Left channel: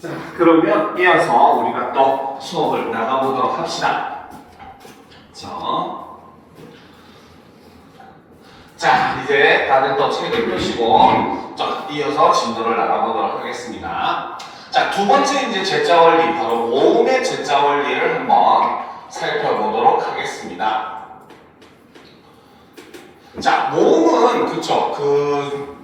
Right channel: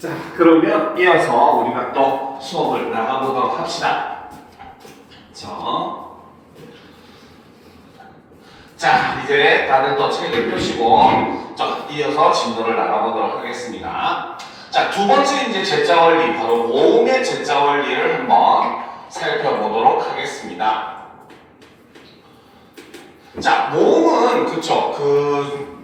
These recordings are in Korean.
자, 그러면 이어서 우리가 또 수업을 나가보도록 합시다. 자, 이제 다들 또 책을 펴시고 자, 이어서 진도를 나가보도록 하겠습니다. 자, 두 번째 이제 제자 원리, 바로 모음의 제자 원리를 한번 살펴보도록 하겠습니다. 자, 모음은 그쵸,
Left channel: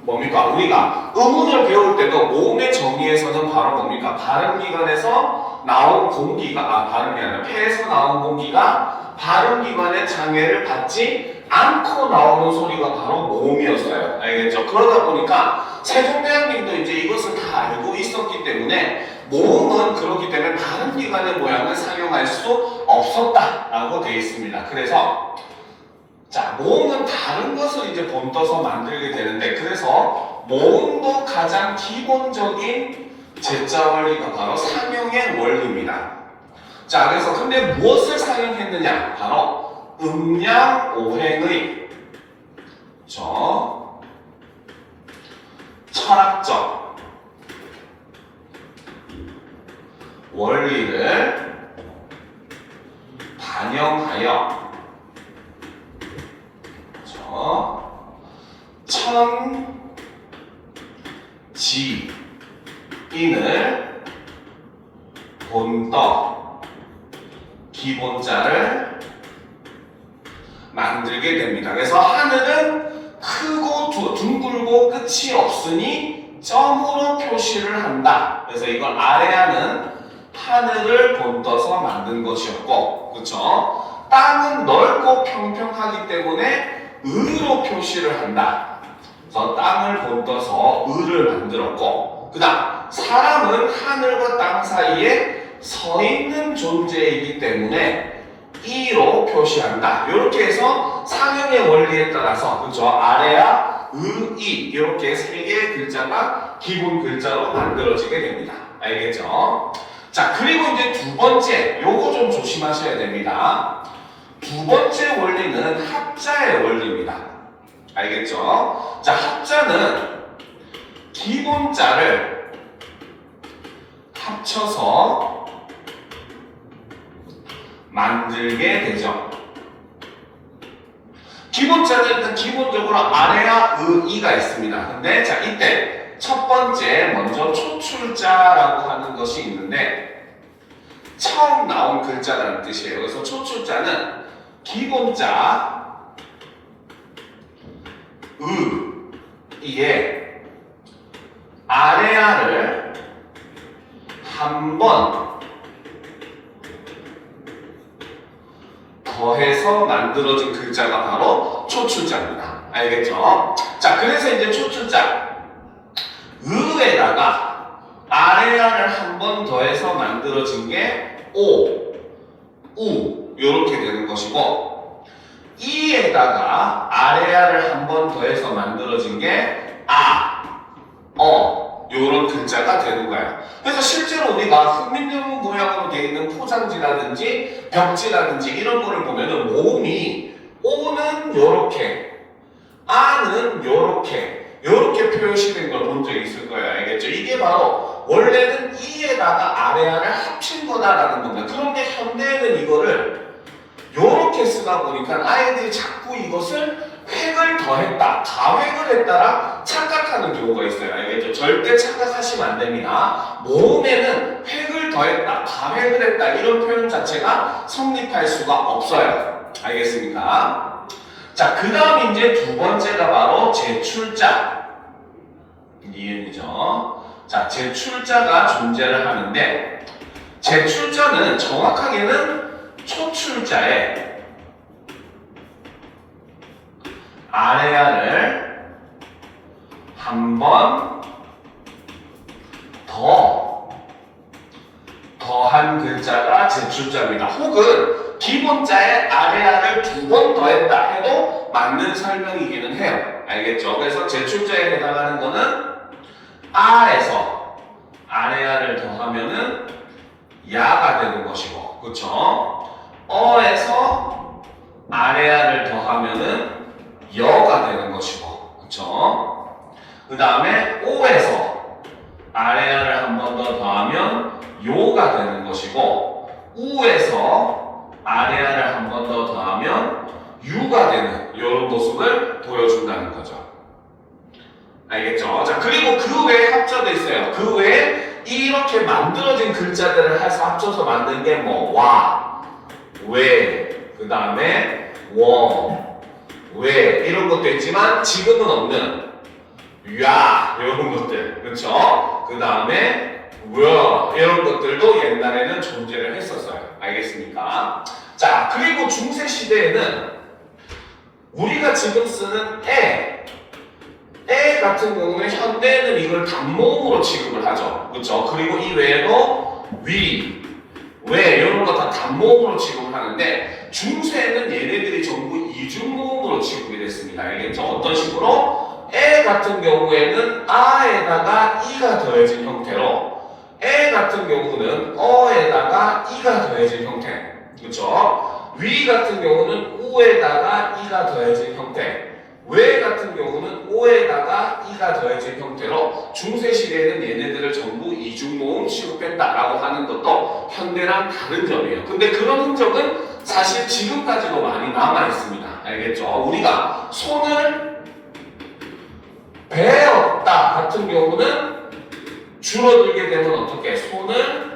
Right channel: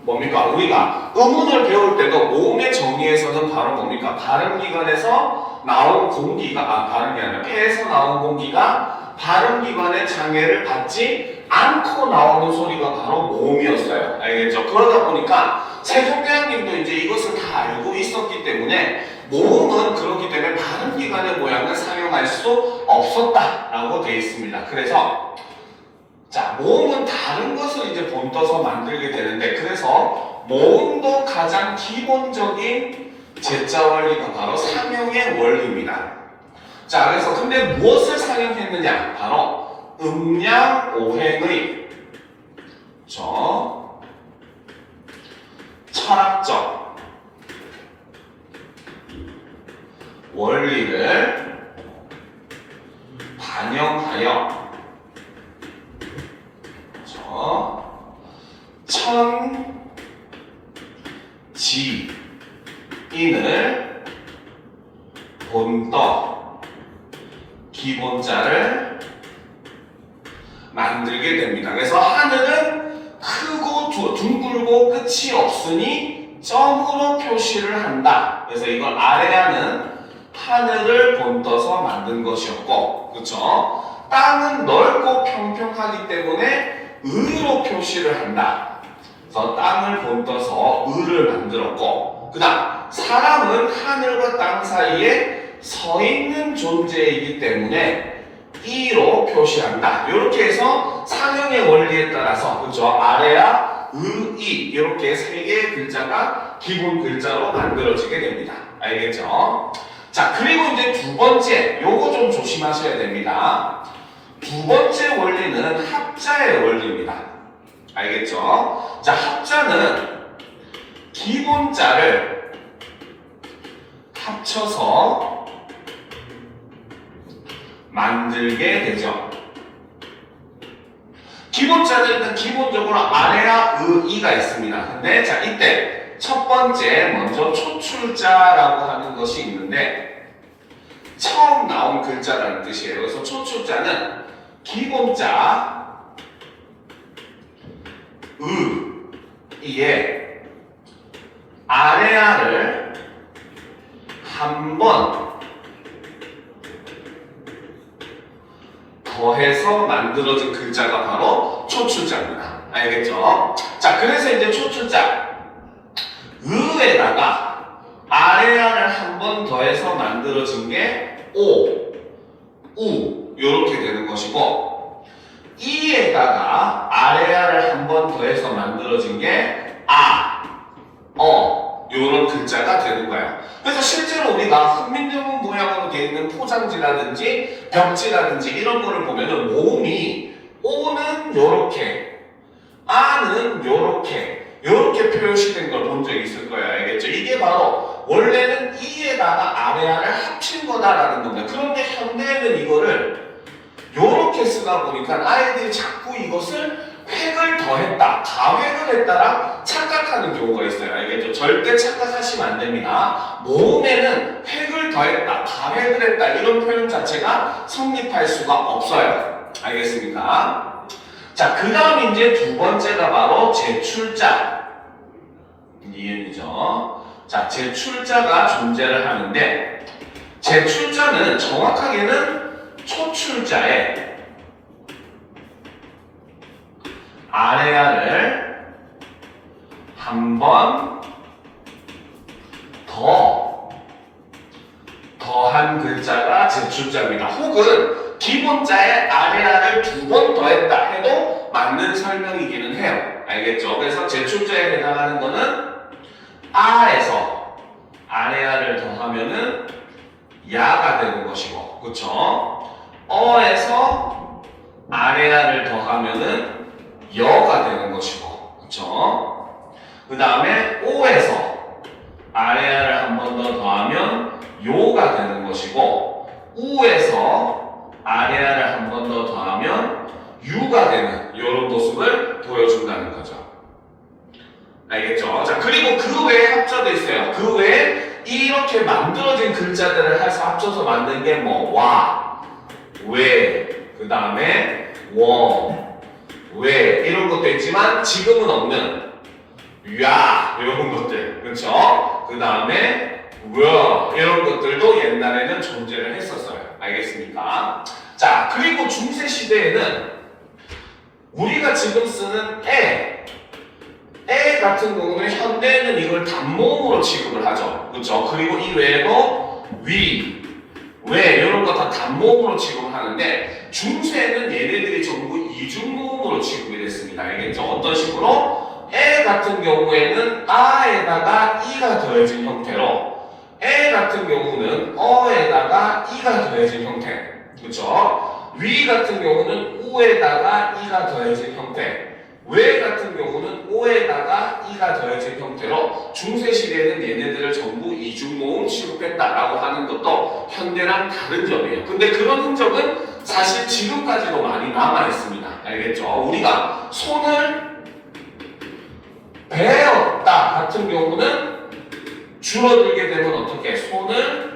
뭡니까? 우리가 음운을 배울 때도 모음의 정의에서는 바로 뭡니까? 발음기관에서 나온 공기가, 발음이 아니라 폐에서 나온 공기가 발음기관의 장애를 받지 않고 나오는 소리가 바로 모음이었어요. 알겠죠? 그러다 보니까 세종대왕님도 이제 이것을 다 알고 있었기 때문에 모음은 그렇기 때문에 발음기관의 모양을 사용할 수 없었다라고 되어 있습니다. 그래서 자, 모음은 다른 것을 이제 본떠서 만들게 되는데, 그래서 모음도 가장 기본적인 제자 원리가 바로 상형의 원리입니다. 자, 그래서 근데 무엇을 상형했느냐? 바로 음양-오행의 철학적 원리를 반영하여 천지인을 본떠 기본자를 만들게 됩니다. 그래서 하늘은 크고 둥글고 끝이 없으니 점으로 표시를 한다. 그래서 이걸 아래하는 하늘을 본떠서 만든 것이었고, 그렇죠? 땅은 넓고 평평하기 때문에 을로 표시를 한다. 그래서 땅을 본떠서 을을 만들었고, 그 다음 사람은 하늘과 땅 사이에 서 있는 존재이기 때문에 이로 표시한다. 이렇게 해서 상형의 원리에 따라서 그렇죠? 아래야 의, 이 이렇게 세 개의 글자가 기본 글자로 만들어지게 됩니다. 알겠죠? 자, 그리고 이제 두 번째, 요거 좀 조심하셔야 됩니다. 두 번째 원리는 합자의 원리입니다. 알겠죠? 자, 합자는 기본자를 합쳐서 만들게 되죠. 기본자는 일단 기본적으로 아래와 의가 있습니다. 근데 자, 이때 첫 번째 먼저 초출자라고 하는 것이 있는데 처음 나온 글자라는 뜻이에요. 그래서 초출자는 기본자 의에 아래아를 한 번 더해서 만들어진 글자가 바로 초출자입니다. 알겠죠? 자, 그래서 이제 초출자 의에다가 아래아를 한 번 더해서 만들어진 게 오, 우 이렇게 되는 것이고, 이에다가 아래아를 한 번 더해서 만들어진 게 아, 이런 글자가 되는 거예요. 그래서 실제로 우리가 흑민정 모양으로 되어 있는 포장지라든지 벽지라든지 이런 거를 보면은 모음이 오는 요렇게, 아는 요렇게 표시된 걸 본 적이 있을 거예요. 알겠죠? 이게 바로 원래는 이에다가 아래아를 합친 거다라는 겁니다. 그런데 현대에는 이거를 요렇게 쓰다 보니까 아이들이 자꾸 이것을 획을 더했다, 가획을 했다라 착각하는 경우가 있어요. 알겠죠? 절대 착각하시면 안 됩니다. 모음에는 획을 더했다, 가획을 했다 이런 표현 자체가 성립할 수가 없어요. 알겠습니까? 자, 그 다음 이제 두 번째가 바로 제출자. 니은이죠. 자, 제출자가 존재를 하는데, 제출자는 정확하게는 초출자에 아래아를 한 번 더한 글자가 제출자입니다. 혹은 기본자에 아래아를 두 번 더했다 해도 맞는 설명이기는 해요. 알겠죠? 그래서 제출자에 해당하는 거는 아에서 아래아를 더하면은 야가 되는 것이고, 그쵸? 어에서 아래아를 더하면은 여가 되는 것이고, 그쵸? 그 다음에 오에서 아래아를 한 번 더 더하면 우가 되는 것이고 우에서 아래아를 한 번 더 더하면 유가 되는 이런 모습을 보여준다는 거죠. 알겠죠? 자, 그리고 그 외에 합쳐도 있어요. 그 외에 이렇게 만들어진 글자들을 해서 합쳐서 만든 게 뭐, 와, 왜, 그 다음에 워, 왜 이런 것도 있지만 지금은 없는 야 이런 것들, 그렇죠? 그 다음에 워 이런 것들도 옛날에는 존재를 했었어요. 알겠습니까? 자, 그리고 중세 시대에는 우리가 지금 쓰는 에 같은 경우는 현대에는 이걸 단모음으로 취급을 하죠. 그렇죠? 그리고 이 외에도 위, 왜 이런 거 다 단모음으로 취급을 하는데 중세에는 얘네들이 전부 이중모음으로 취급이 됐습니다. 알겠죠? 어떤 식으로? 에 같은 경우에는 아에다가 이가 더해진 형태로 에 같은 경우는 어에다가 이가 더해진 형태, 그렇죠? 위 같은 경우는 우에다가 이가 더해진 형태, 왜 같은 경우는 오에다가 이가 더해진 형태로 중세시대에는 얘네들을 전부 이중모음 취급했다라고 하는 것도 현대랑 다른 점이에요. 근데 그런 흔적은 사실 지금까지도 많이 남아있습니다. 알겠죠? 우리가 손을 베었다 같은 경우는 줄어들게 되면 어떻게? 손을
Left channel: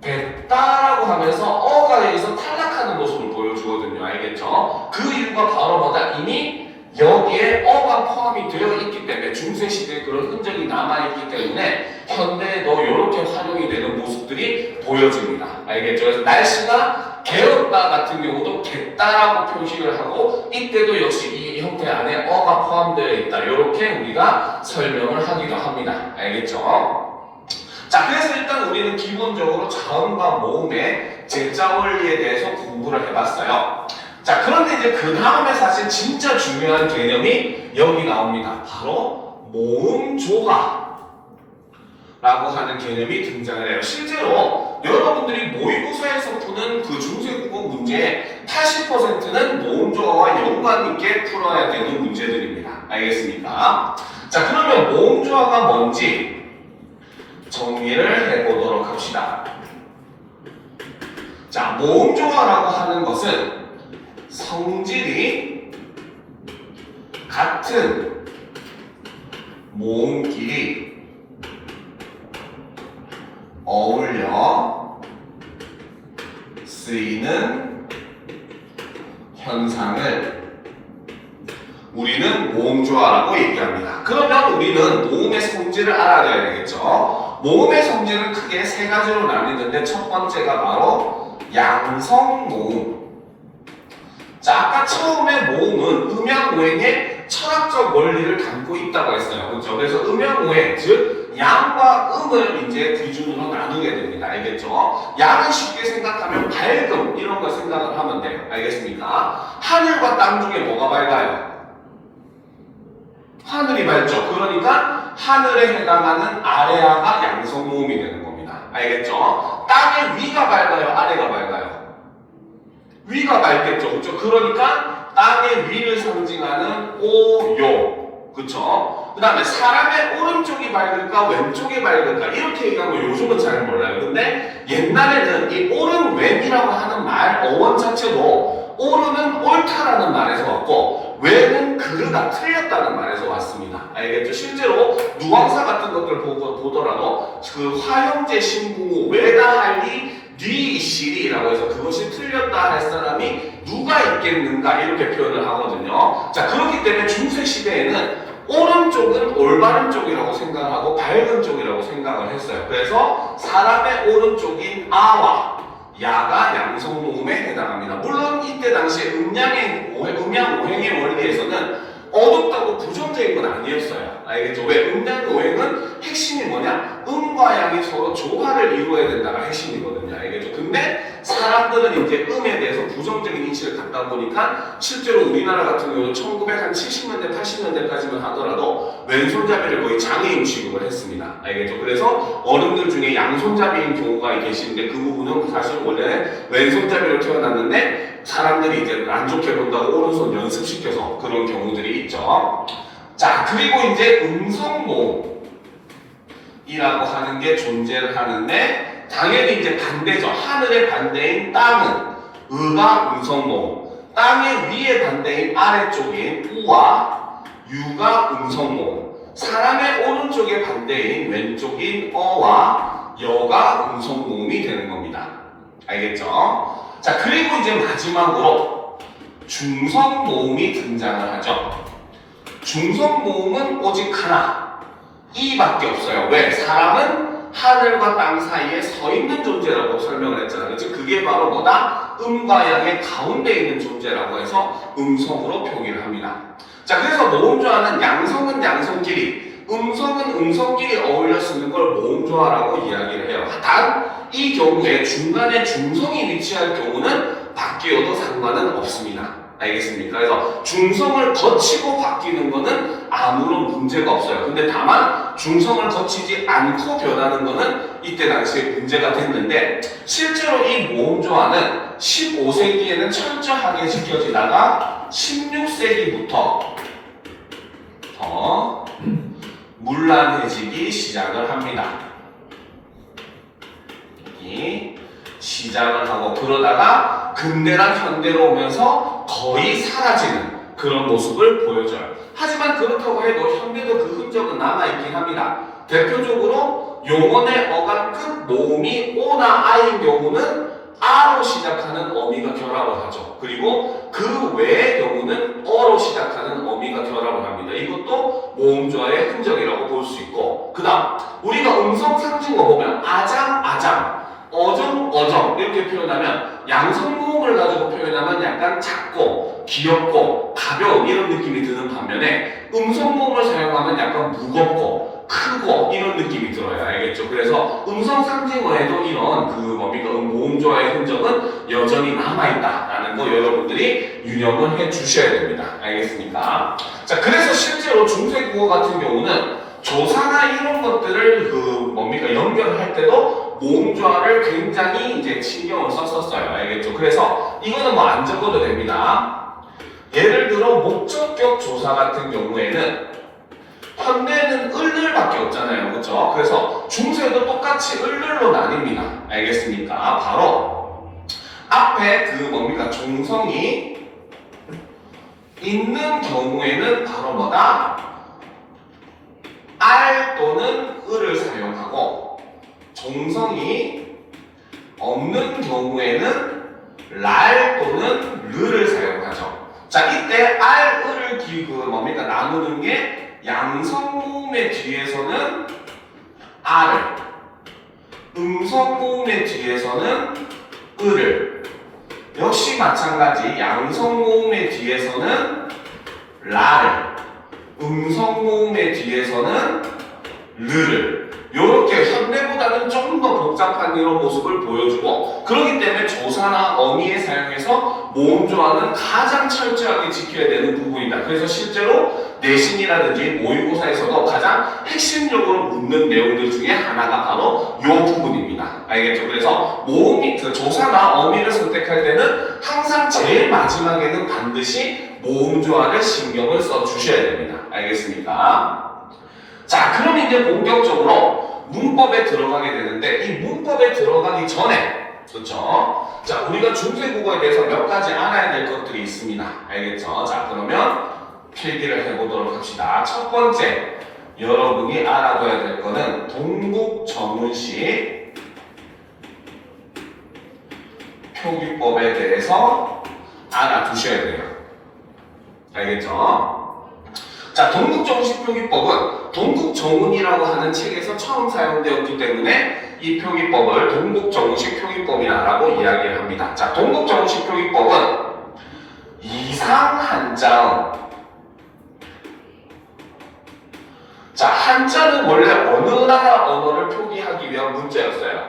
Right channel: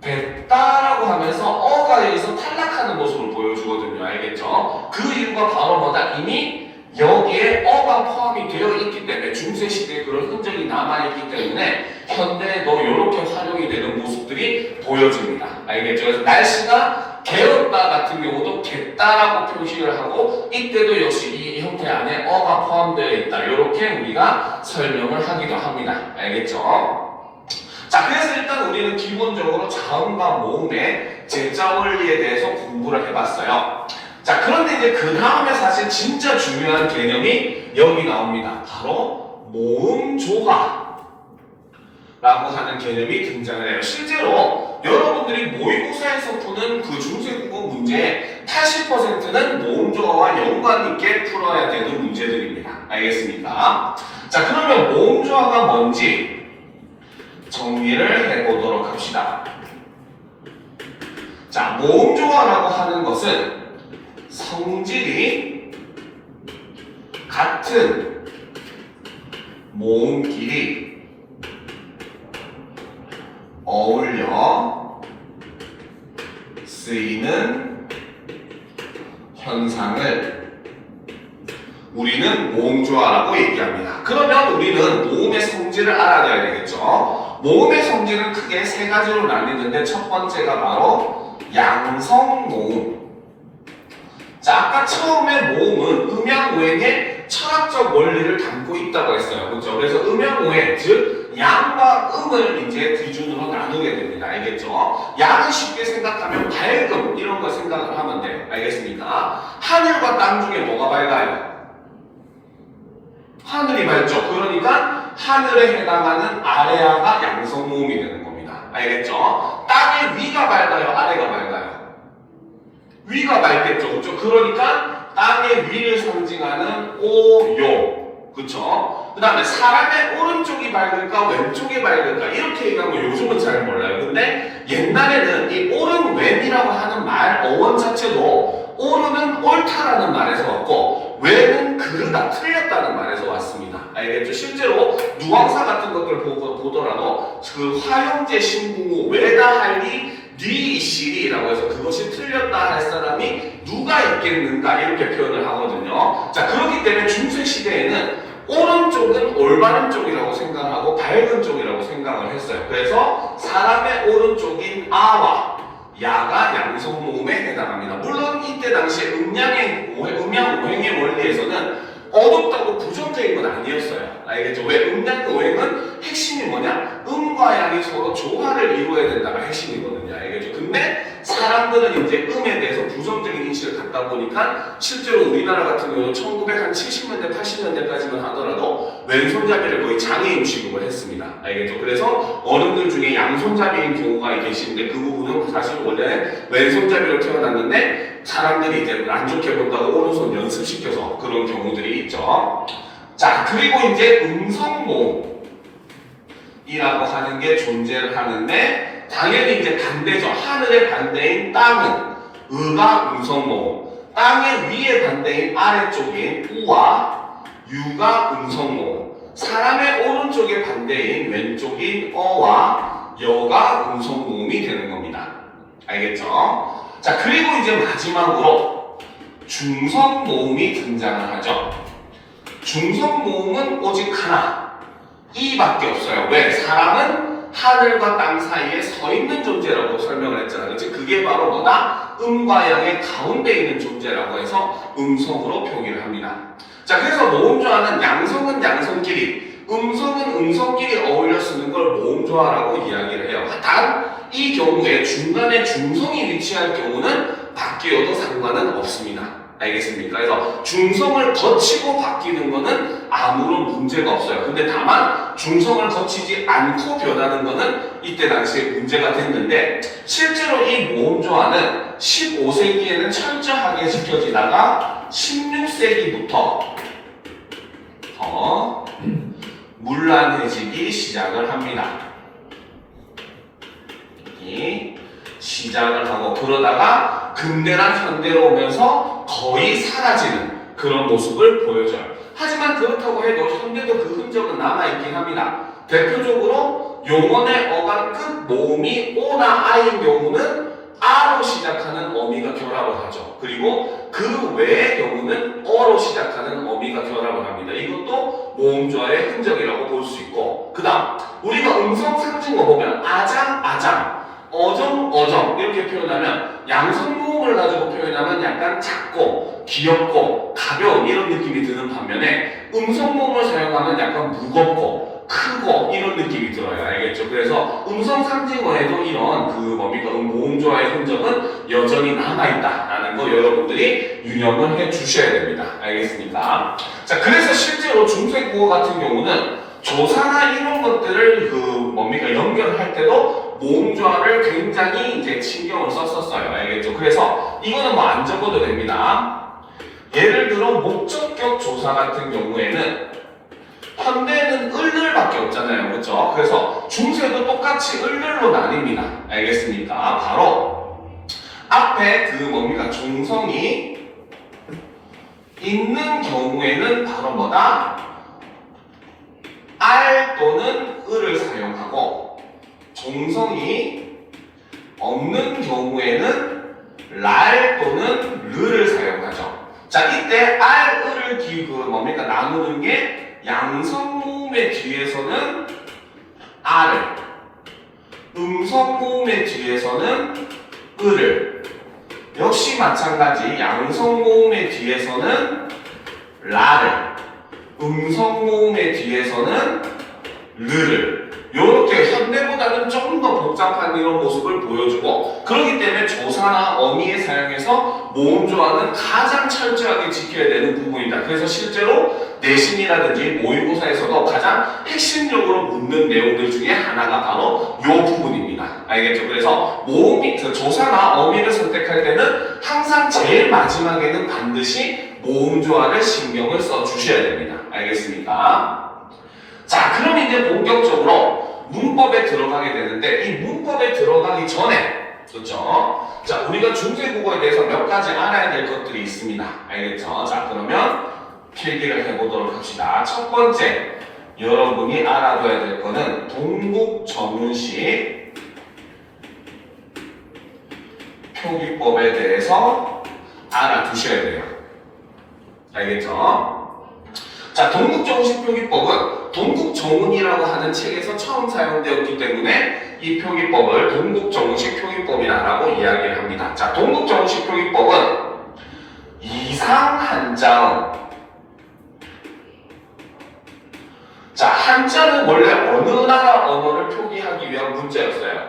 뱉다라고 하면서 어가 여기서 탈락하는 모습을 보여주거든요. 알겠죠? 그 이유가 바로 뭐다? 이미 여기에 어가 포함이 되어 있기 때문에 중세시대에 그런 흔적이 남아있기 때문에 현대에도 이렇게 활용이 되는 모습들이 보여집니다. 알겠죠? 그래서 날씨가 개었다 같은 경우도 겠다라고 표시를 하고 이때도 역시 이 형태 안에 어가 포함되어 있다. 이렇게 우리가 설명을 하기도 합니다. 알겠죠? 자, 그래서 일단 우리는 기본적으로 자음과 모음의 제자 원리에 대해서 공부를 해봤어요. 자, 그런데 이제 그 다음에 사실 진짜 중요한 개념이 여기 나옵니다. 바로 모음조화라고 하는 개념이 등장을 해요. 실제로 여러분들이 모의고사에서 푸는 그 중세국어 문제의 80%는 모음조화와 연관 있게 풀어야 되는 문제들입니다. 알겠습니까? 자, 그러면 모음조화가 뭔지 정리를 해보도록 합시다. 자, 모음조화라고 하는 것은 성질이 같은 모음끼리 어울려 쓰이는 현상을 우리는 모음조화라고 얘기합니다. 그러면 우리는 모음의 성질을 알아야 되겠죠. 모음의 성질은 크게 세 가지로 나뉘는데 첫 번째가 바로 양성모음. 자, 아까 처음에 모음은 음양오행의 철학적 원리를 담고 있다고 했어요. 그렇죠? 그래서 음양오행, 즉 양과 음을 이제 기준으로 나누게 됩니다. 알겠죠? 양은 쉽게 생각하면 밝음 이런 거 생각을 하면 돼요. 알겠습니까? 하늘과 땅 중에 뭐가 밝아요? 하늘이 밝죠? 그러니까 하늘에 해당하는 아래아가 양성모음이 되는 겁니다. 알겠죠? 땅의 위가 밝아요? 아래가 밝아요? 위가 밝겠죠. 그렇죠? 그러니까 땅의 위를 상징하는 오요. 그렇죠? 그 다음에 사람의 오른쪽이 밝을까 왼쪽이 밝을까 이렇게 얘기하면 요즘은 잘 몰라요. 근데 옛날에는 이 오른 왼이라고 하는 말 어원 자체도 오른은 옳다라는 말에서 왔고 왼은 그르다 틀렸다는 말에서 왔습니다. 알겠죠? 실제로 누왕사 같은 것들 보더라도 그 화형제 신궁우 외다할리 니시리라고 해서 그것이 틀렸다 할 사람이 누가 있겠는가 이렇게 표현을 하거든요. 자, 그렇기 때문에 중세시대에는 오른쪽은 올바른 쪽이라고 생각하고 밝은 쪽이라고 생각을 했어요. 그래서 사람의 오른쪽인 아와 야가 양성모음에 해당합니다. 물론 이때 당시에 음양오행의 원리에서는 어둡다고 부정적인 건 아니었어요. 알겠죠? 왜? 음양오행은 핵심이 뭐냐? 음과 양이 서로 조화를 이루어야 된다가 핵심이거든요. 알겠죠? 근데 사람들은 이제 음에 대해서 부정적인 인식을 갖다 보니까 실제로 우리나라 같은 경우는 1970년대, 80년대까지만 하더라도 왼손잡이를 거의 장애인 취급을 했습니다. 알겠죠? 그래서 어른들 중에 양손잡이인 경우가 계시는데 그 부분은 사실 원래 왼손잡이로 태어났는데 사람들이 이제 안 좋게 본다고 오른손 연습시켜서 그런 경우들이 있죠. 자, 그리고 이제 음성모음이라고 하는 게 존재를 하는데 당연히 이제 반대죠. 하늘의 반대인 땅은 의가 음성모음, 땅의 위의 반대인 아래쪽인 우와 유가 음성모음, 사람의 오른쪽의 반대인 왼쪽인 어와 여가 음성모음이 되는 겁니다. 알겠죠? 자, 그리고 이제 마지막으로 중성모음이 등장을 하죠. 중성모음은 오직 하나, 이밖에 없어요. 왜? 사람은 하늘과 땅 사이에 서 있는 존재라고 설명을 했잖아요. 즉 그게 바로 뭐다? 음과 양의 가운데 있는 존재라고 해서 음성으로 표기를 합니다. 자, 그래서 모음조화는 양성은 양성끼리, 음성은 음성끼리 어울려 쓰는 걸 모음조화라고 이야기를 해요. 단 이 경우에 중간에 중성이 위치할 경우는 바뀌어도 상관은 없습니다. 알겠습니까? 그래서 중성을 거치고 바뀌는 것은 아무런 문제가 없어요. 근데 다만 중성을 거치지 않고 변하는 것은 이때 당시에 문제가 됐는데, 실제로 이 모음조화는 15세기에는 철저하게 지켜지다가 16세기부터 더 문란해지기 시작을 합니다. 시작을 하고 그러다가 근대랑 현대로 오면서 거의 사라지는 그런 모습을 보여줘요. 하지만 그렇다고 해도 현대도 그 흔적은 남아있긴 합니다. 대표적으로 용언의 어간 끝 모음이 오나 아인 경우는 아로 시작하는 어미가 결합을 하죠. 그리고 그 외의 경우는 어로 시작하는 어미가 결합을 합니다. 이것도 모음조화의 흔적이라고 볼 수 있고, 그 다음 우리가 음성 상징어 보면 아장, 아장, 어정, 어정 이렇게 표현하면 양성모음을 가지고 표현하면 약간 작고 귀엽고 가벼운 이런 느낌이 드는 반면에 음성모음을 사용하면 약간 무겁고 크고 이런 느낌이 들어요. 알겠죠? 그래서 음성 상징어에도 이런 그 뭡니까 모음조화의 흔적은 여전히 남아있다라는 거 여러분들이 유념을 해 주셔야 됩니다. 알겠습니까? 자, 그래서 실제로 중세국어 같은 경우는 조사나 이런 것들을 그 뭡니까 연결할 때도 모음조화를 굉장히 이제 신경을 썼었어요. 알겠죠? 그래서 이거는 뭐 안 적어도 됩니다. 예를 들어 목적격 조사 같은 경우에는 현대는 을을밖에 없잖아요. 그렇죠? 그래서 중세도 똑같이 을을로 나뉩니다. 알겠습니까? 바로 앞에 그 뭡니까 종성이 있는 경우에는 바로 뭐다? 알 또는 을을 사용하고, 종성이 없는 경우에는 랄 또는 르를 사용하죠. 자, 이때 알, 을을 뭡니까 나누는 게 양성모음의 뒤에서는 알을, 음성모음의 뒤에서는 을을, 역시 마찬가지 양성모음의 뒤에서는 라를, 음성모음의 뒤에서는 르를, 이렇게 현대보다는 조금 더 복잡한 이런 모습을 보여주고, 그렇기 때문에 조사나 어미의 사용에서 모음조화는 가장 철저하게 지켜야 되는 부분이다. 그래서 실제로 내신이라든지 모의고사에서도 가장 핵심적으로 묻는 내용들 중에 하나가 바로 이 부분입니다. 알겠죠? 그래서 조사나 어미를 선택할 때는 항상 제일 마지막에는 반드시 모음조화를 신경을 써 주셔야 됩니다. 알겠습니까? 자, 그럼 이제 본격적으로 문법에 들어가게 되는데, 이 문법에 들어가기 전에, 그렇죠? 자, 우리가 중세국어에 대해서 몇 가지 알아야 될 것들이 있습니다. 알겠죠? 자, 그러면 필기를 해보도록 합시다. 첫 번째, 여러분이 알아둬야 될 거는 동국 전문식 표기법에 대해서 알아두셔야 돼요. 알겠죠? 자, 동국정식 표기법은 동국정운이라고 하는 책에서 처음 사용되었기 때문에 이 표기법을 동국정식 표기법이라고 이야기를 합니다. 자, 동국정식 표기법은 이상 한자음. 자, 한자는 원래 어느 나라 언어를 표기하기 위한 문자였어요?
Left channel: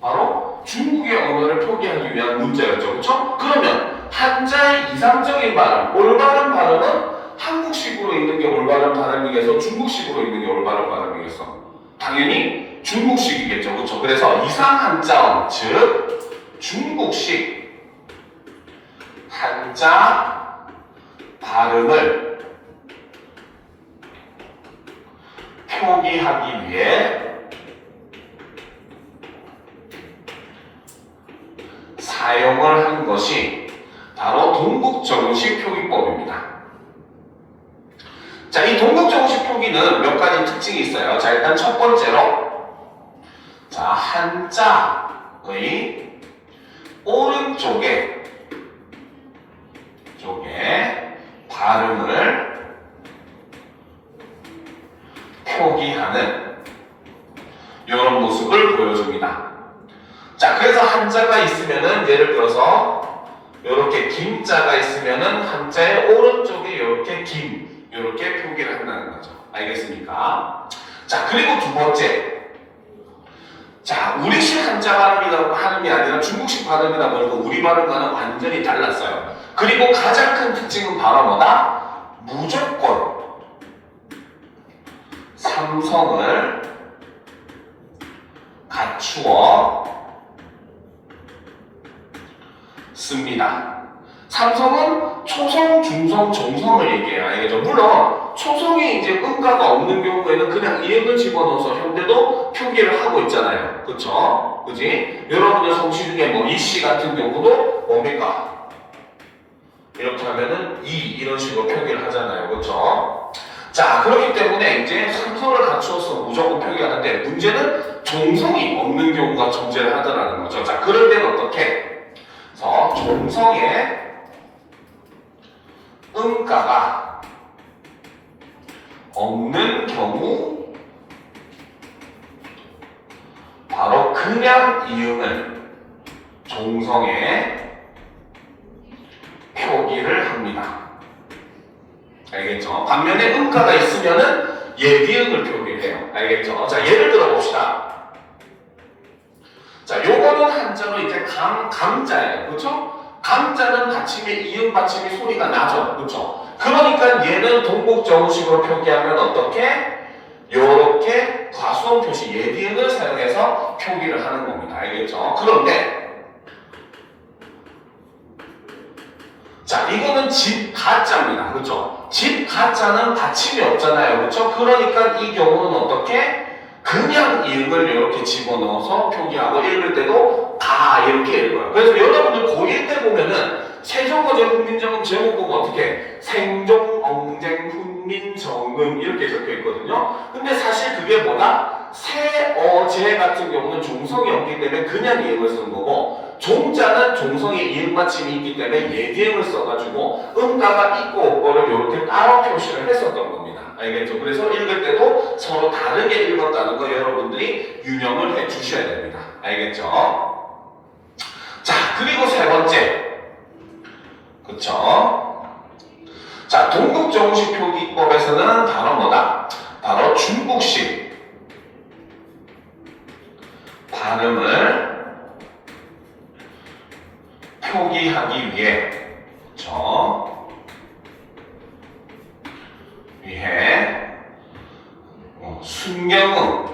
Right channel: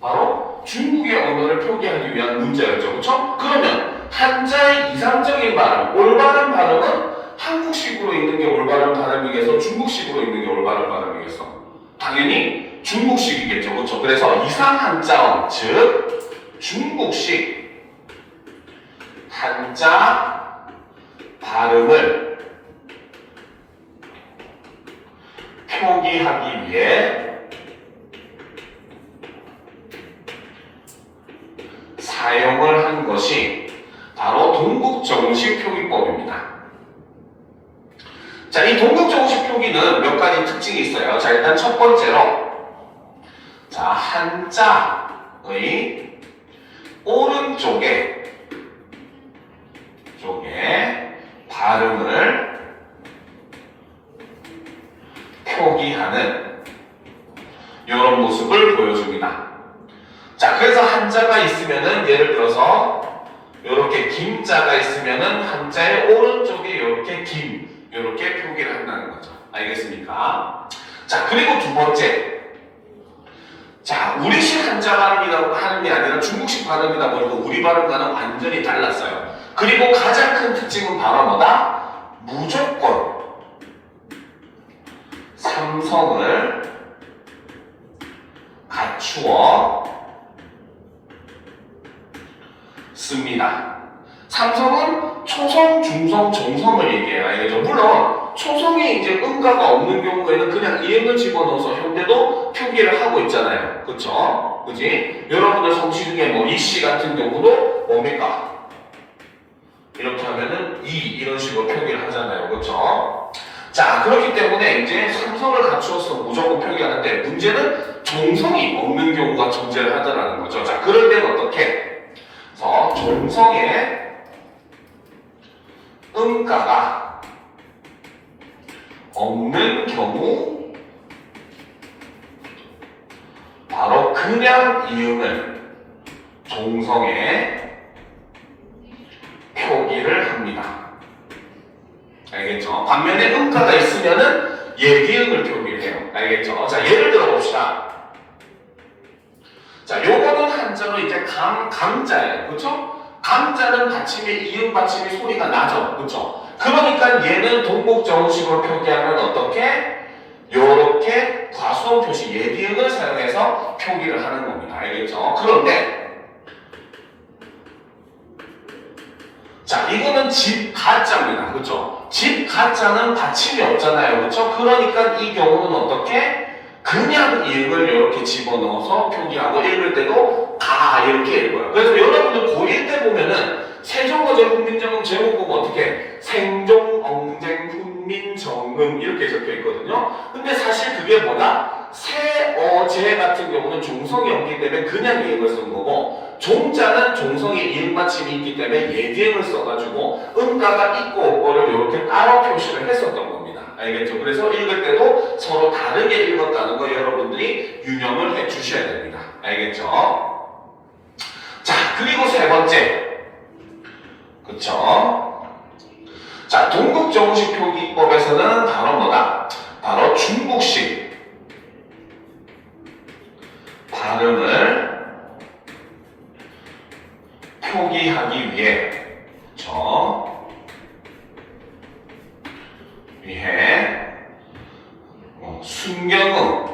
바로 중국의 언어를 표기하기 위한 문자였죠. 그렇죠? 그러면 한자의 이상적인 발음, 올바른 발음은 한국식으로 읽는 게 올바른 발음이겠어? 중국식으로 읽는 게 올바른 발음이겠어? 당연히 중국식이겠죠. 그렇죠? 그래서 이상 한자음, 즉 중국식 한자 발음을 표기하기 위해 사용을 한 것이 바로 동국정식 표기법입니다. 자, 이 동국정식 표기는 몇 가지 특징이 있어요. 자, 일단 첫 번째로 자, 한자의 오른쪽에 발음을 표기하는 이런 모습을 보여줍니다. 자, 그래서 한자가 있으면은 예를 들어서 이렇게 김자가 있으면은 한자의 오른쪽에 이렇게 김 이렇게 표기를 한다는 거죠. 알겠습니까? 자, 그리고 두 번째. 자, 우리식 한자 발음이라고 하는 게 아니라 중국식 발음이다 보니까 우리 발음과는 완전히 달랐어요. 그리고 가장 큰 특징은 바로 뭐다? 무조건 삼성을 갖추어 씁니다. 삼성은 초성, 중성, 종성을 얘기해요. 알겠죠? 물론 초성이 이제 음가가 없는 경우에는 그냥 이행을 집어넣어서 현대도 표기를 하고 있잖아요. 그쵸? 그지? 여러분들 성취 중에 뭐 이씨 같은 경우도 뭡니까? 이렇게 하면은 이런 식으로 표기를 하잖아요. 그쵸? 자, 그렇기 때문에 이제 삼성을 갖추어서 무조건 표기하는데 문제는 종성이 없는 경우가 존재를 하더라는 거죠. 자, 그럴 때는 어떻게? 그래서 종성의 음가가 없는 경우 바로 그냥 이응을 종성에 표기를 합니다. 알겠죠? 반면에 음가가 있으면은 예비응을 표기를 해요. 알겠죠? 자, 예를 들어 봅시다. 자, 요거는 한자로 이제 감자예요. 그쵸? 감자는 받침에 이응 받침이 소리가 나죠. 그쵸? 그러니까 얘는 동국정식으로 표기하면 어떻게? 요렇게 과수원 표시 예비응을 사용해서 표기를 하는 겁니다. 알겠죠? 그런데 자, 이거는 집 가자입니다. 그쵸? 집 가자는 받침이 없잖아요. 그쵸? 그러니까 이 경우는 어떻게? 그냥 이응을 이렇게 집어넣어서 표기하고 읽을 때도 다 이렇게 읽어요. 그래서 여러분들 고1 때 보면은 세종어제 훈민정음 제목 보면 어떻게 생종, 엉쟁, 훈민, 정음 이렇게 적혀 있거든요. 근데 사실 그게 뭐다? 세어제 같은 경우는 종성이 없기 때문에 그냥 이응을 쓴 거고 종자는 종성에 이응 받침이 있기 때문에 예비응을 써가지고 음가가 있고 없고를 이렇게 따로 표시를 했었던 겁니다. 알겠죠? 그래서 읽을 때도 서로 다르게 읽었다는 거 여러분들이 유념을 해 주셔야 됩니다. 알겠죠? 자, 그리고 세 번째. 그쵸? 자, 동국정식 표기법에서는 바로 뭐다? 바로 중국식 발음을 표기하기 위해, 그쵸? 순경음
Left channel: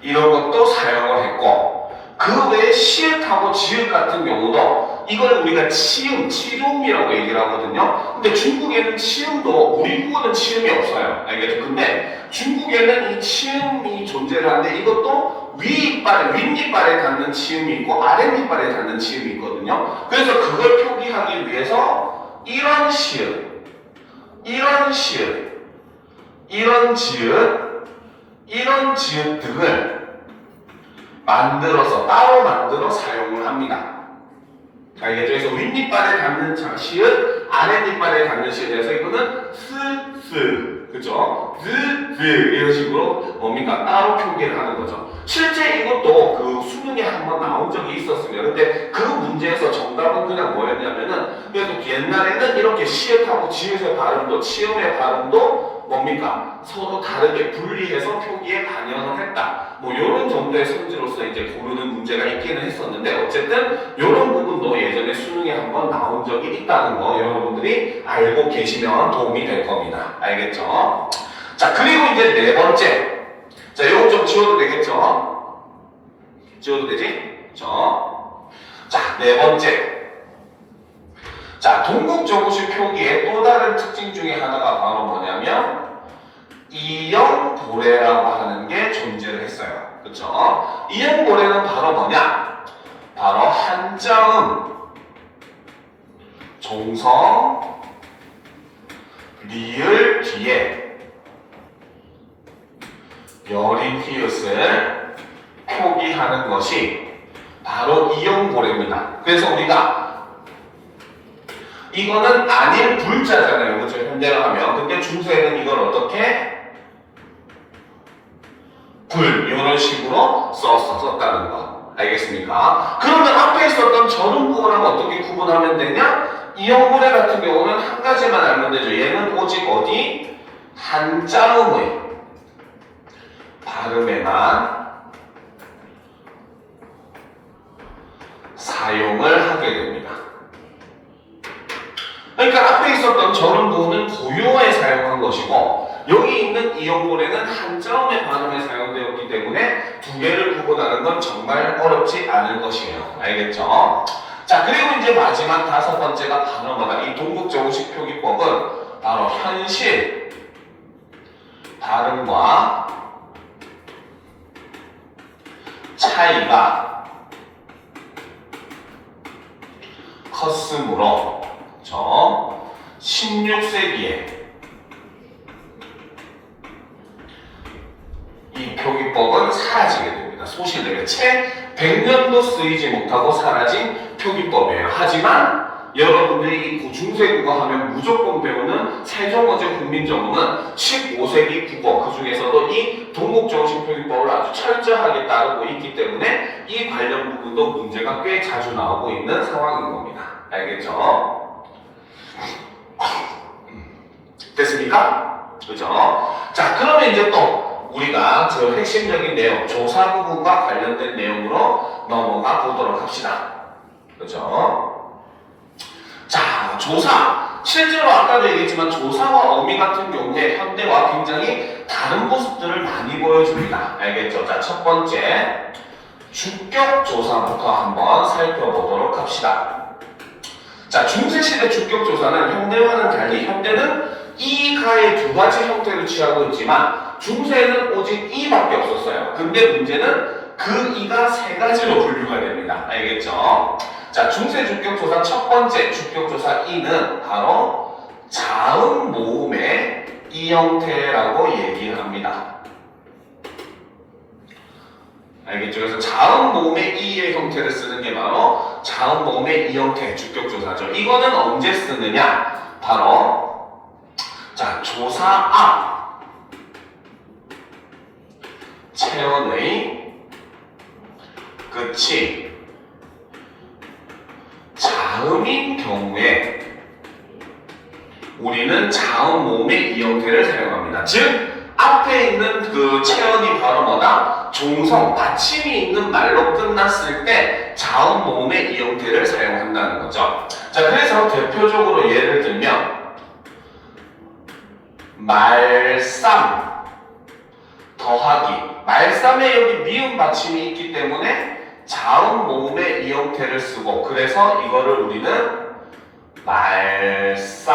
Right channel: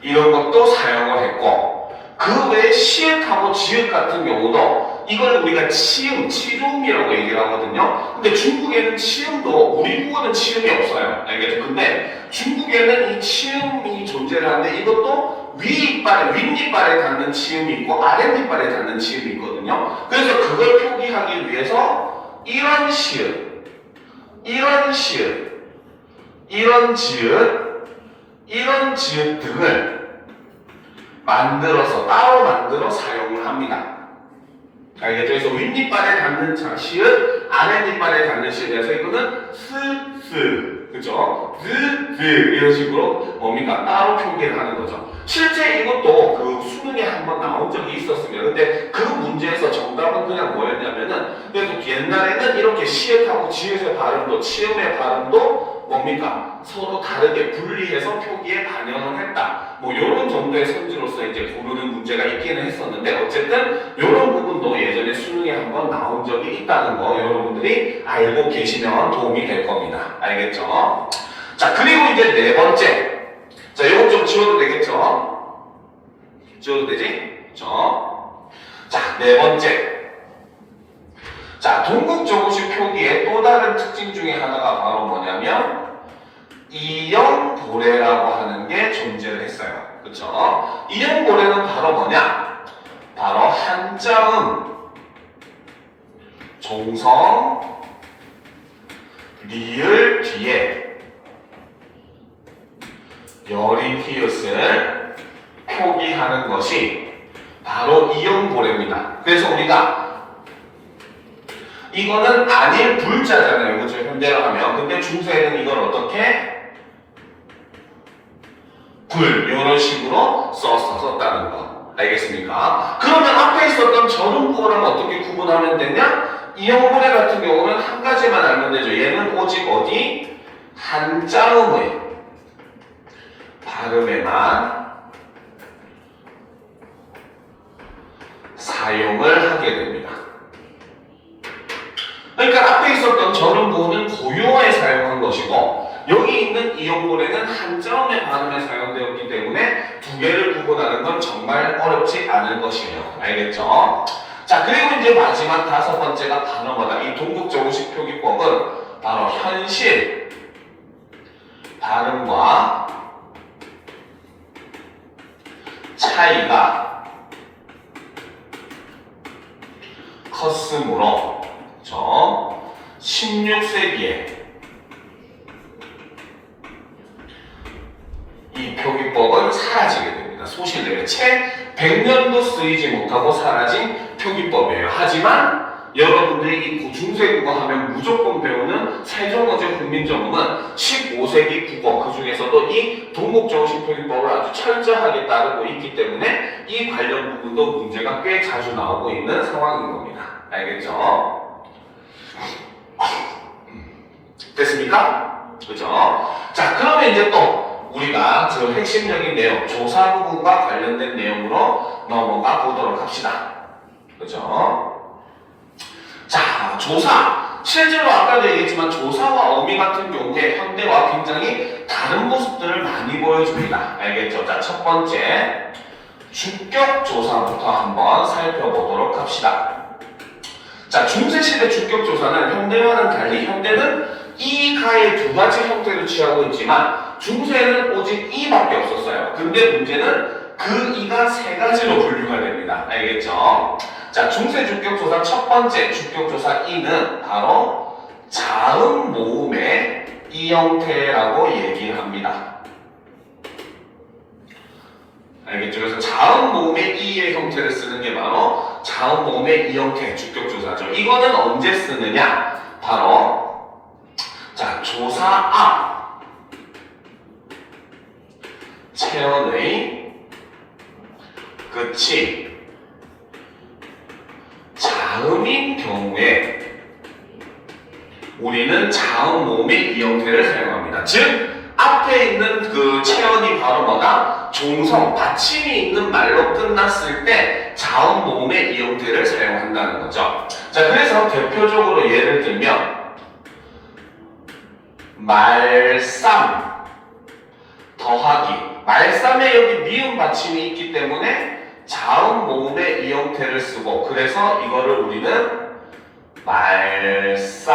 이런 것도 사용을 했고 그 외에 시읒하고 지읒 같은 경우도 이걸 우리가 치음, 치룸이라고 얘기를 하거든요. 근데 중국에는 치음도 우리 국어는 치음이 없어요. 알겠죠? 근데 중국에는 이 치음이 존재를 하는데 이것도 윗니빨에 닿는 치음이 있고 아랫니빨에 닿는 치음이 있거든요. 그래서 그걸 표기하기 위해서 이런 시읒, 이런 시읒, 이런 지읒, 이런 지읒 등을 따로 만들어 사용을 합니다. 알겠죠? 그래서 윗니빨에 닿는 시읒, 아랫니빨에 닿는 시읒에서 이거는 그죠? 이런 식으로 뭡니까? 따로 표기를 하는 거죠. 실제 이것도 그 수능에 한번 나온 적이 있었습니다. 근데 그 문제에서 정답은 그냥 뭐였냐면은 그래도 옛날에는 이렇게 시읒하고 지읒의 발음도 치음의 발음도 뭡니까? 서로 다르게 분리해서 표기에 반영을 했다. 뭐 이런 정도의 성질로서 이제 고르는 문제가 있기는 했었는데 어쨌든 이런 부분도 예전에 수능에 한번 나온 적이 있다는 거 여러분들이 알고 계시면 도움이 될 겁니다. 알겠죠? 자, 그리고 이제 네 번째. 자, 이거 좀 지워도 되겠죠? 지워도 되지? 그렇죠? 자, 네 번째. 자, 동국정식 표기의 또 다른 특징 중에 하나가 바로 뭐냐면 이형고래라고 하는 게 존재를 했어요. 그쵸? 이형고래는 바로 뭐냐? 바로 한자음, 종성, 리을 뒤에 여린 히읗을 표기하는 것이 바로 이형고래입니다. 그래서 우리가 이거는 아닐 불자잖아요. 그렇죠? 현대로 하면. 근데 중세에는 이걸 어떻게? 불 이런 식으로 썼다는 거. 알겠습니까? 그러면 앞에 있었던 저음국어랑 어떻게 구분하면 되냐? 이형고래 같은 경우는 한 가지만 알면 되죠. 얘는 오직 어디? 한자음의 발음에만 사용을 하게 됩니다. 그러니까 앞에 있었던 저음국어는 고유어에 사용한 것이고 여기 있는 이형고래는 한자음의 발음에 사용되었기 때문에 두 개를 구분하는 건 정말 어렵지 않은 것이에요. 알겠죠? 자, 그리고 이제 마지막 다섯 번째가 바로 뭐다? 이 동국정식 표기법은 바로 현실 발음과 차이가 컸으므로 16세기에 이 표기법은 사라지게 됩니다. 소실되게 채 100년도 쓰이지 못하고 사라진 표기법이에요. 하지만 여러분들이 이 중세국어 하면 무조건 배우는 세종어제 훈민정음은 15세기 국어 그 중에서도 이 동국정식 표기법을 아주 철저하게 따르고 있기 때문에 이 관련 부분도 문제가 꽤 자주 나오고 있는 상황인 겁니다. 알겠죠? 됐습니까? 그죠? 자, 그러면 이제 또 우리가 저 핵심적인 내용, 조사 부분과 관련된 내용으로 넘어가 보도록 합시다. 그죠? 자, 조사. 실제로 아까도 얘기했지만 조사와 어미 같은 경우에 현대와 굉장히 다른 모습들을 많이 보여줍니다. 알겠죠? 자, 첫 번째 주격조사부터 한번 살펴보도록 합시다. 자, 중세시대 주격조사는 현대와는 달리 현대는 이, 가의 두 가지 형태를 취하고 있지만 중세에는 오직 이밖에 없었어요. 근데 문제는 그 이가 세 가지로 분류가 됩니다. 알겠죠? 자, 중세 주격조사 첫 번째 주격조사 이는 바로 자음 모음의 이 형태라고 얘기를 합니다. 알겠죠? 그래서 자음 모음의 이의 형태를 쓰는 게 바로 자음 모음의 이 형태 주격조사죠. 이거는 언제 쓰느냐? 바로 자, 조사 앞 체언의 끝이 자음인 경우에 우리는 자음 모음의 이 형태를 사용합니다. 즉 앞에 있는 그 체언이 바로 뭐다? 종성, 받침이 있는 말로 끝났을 때 자음 모음의 이 형태를 사용한다는 거죠. 자, 그래서 대표적으로 예를 들면 말쌈 더하기 말쌈에 여기 미음 받침이 있기 때문에 자음 모음의 이 형태를 쓰고 그래서 이거를 우리는 말쌈이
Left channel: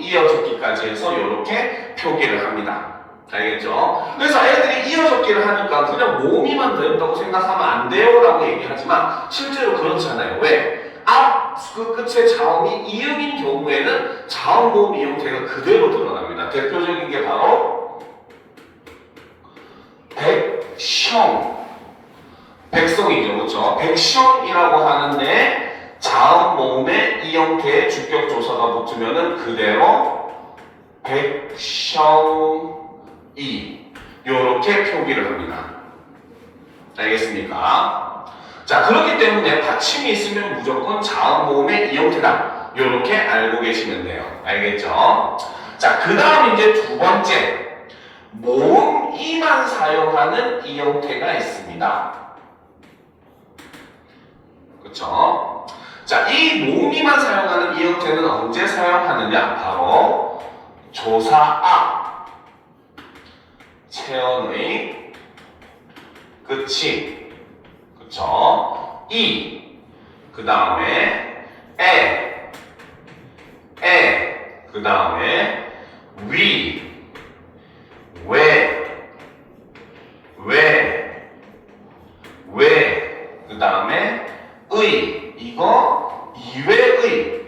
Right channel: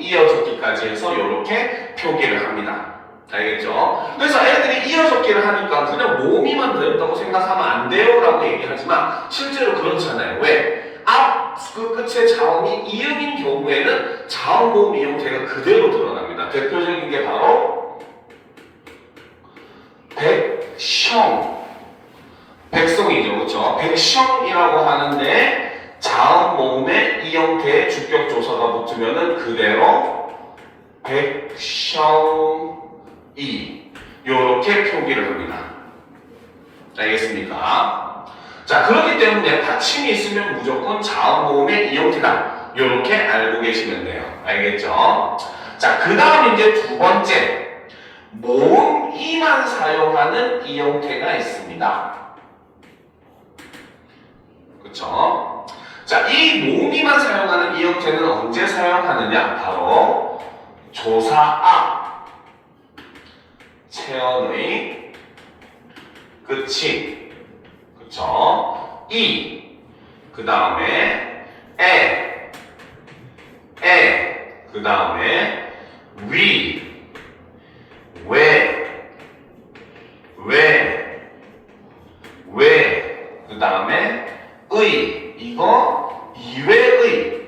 이어졌기까지 해서 이렇게 표기를 합니다. 알겠죠? 그래서 애들이 이어졌기를 하니까 그냥 모음이만 되었다고 생각하면 안 돼요 라고 얘기하지만 실제로 그렇잖아요. 왜? 앞 그 끝에 자음이 이음인 경우에는 자음 모음 이 형태가 그대로 드러납니다. 대표적인 게 바로 백성 백성이죠. 그렇죠? 백성이라고 하는데 자음 모음에 이 형태의 주격조사가 붙으면은 그대로 백성이 이렇게 표기를 합니다. 알겠습니까? 자, 그렇기 때문에 받침이 있으면 무조건 자음 모음의 이 형태다. 이렇게 알고 계시면 돼요. 알겠죠? 자, 그 다음 이제 두 번째 모음 이만 사용하는 이 형태가 있습니다. 그렇죠? 자, 이 모음이만 사용하는 이 형태는 언제 사용하느냐? 바로 조사 앞 체언의 끝이 그쵸? 이, 그 다음에 그 다음에 위, 그 다음에 의, 이거 이외의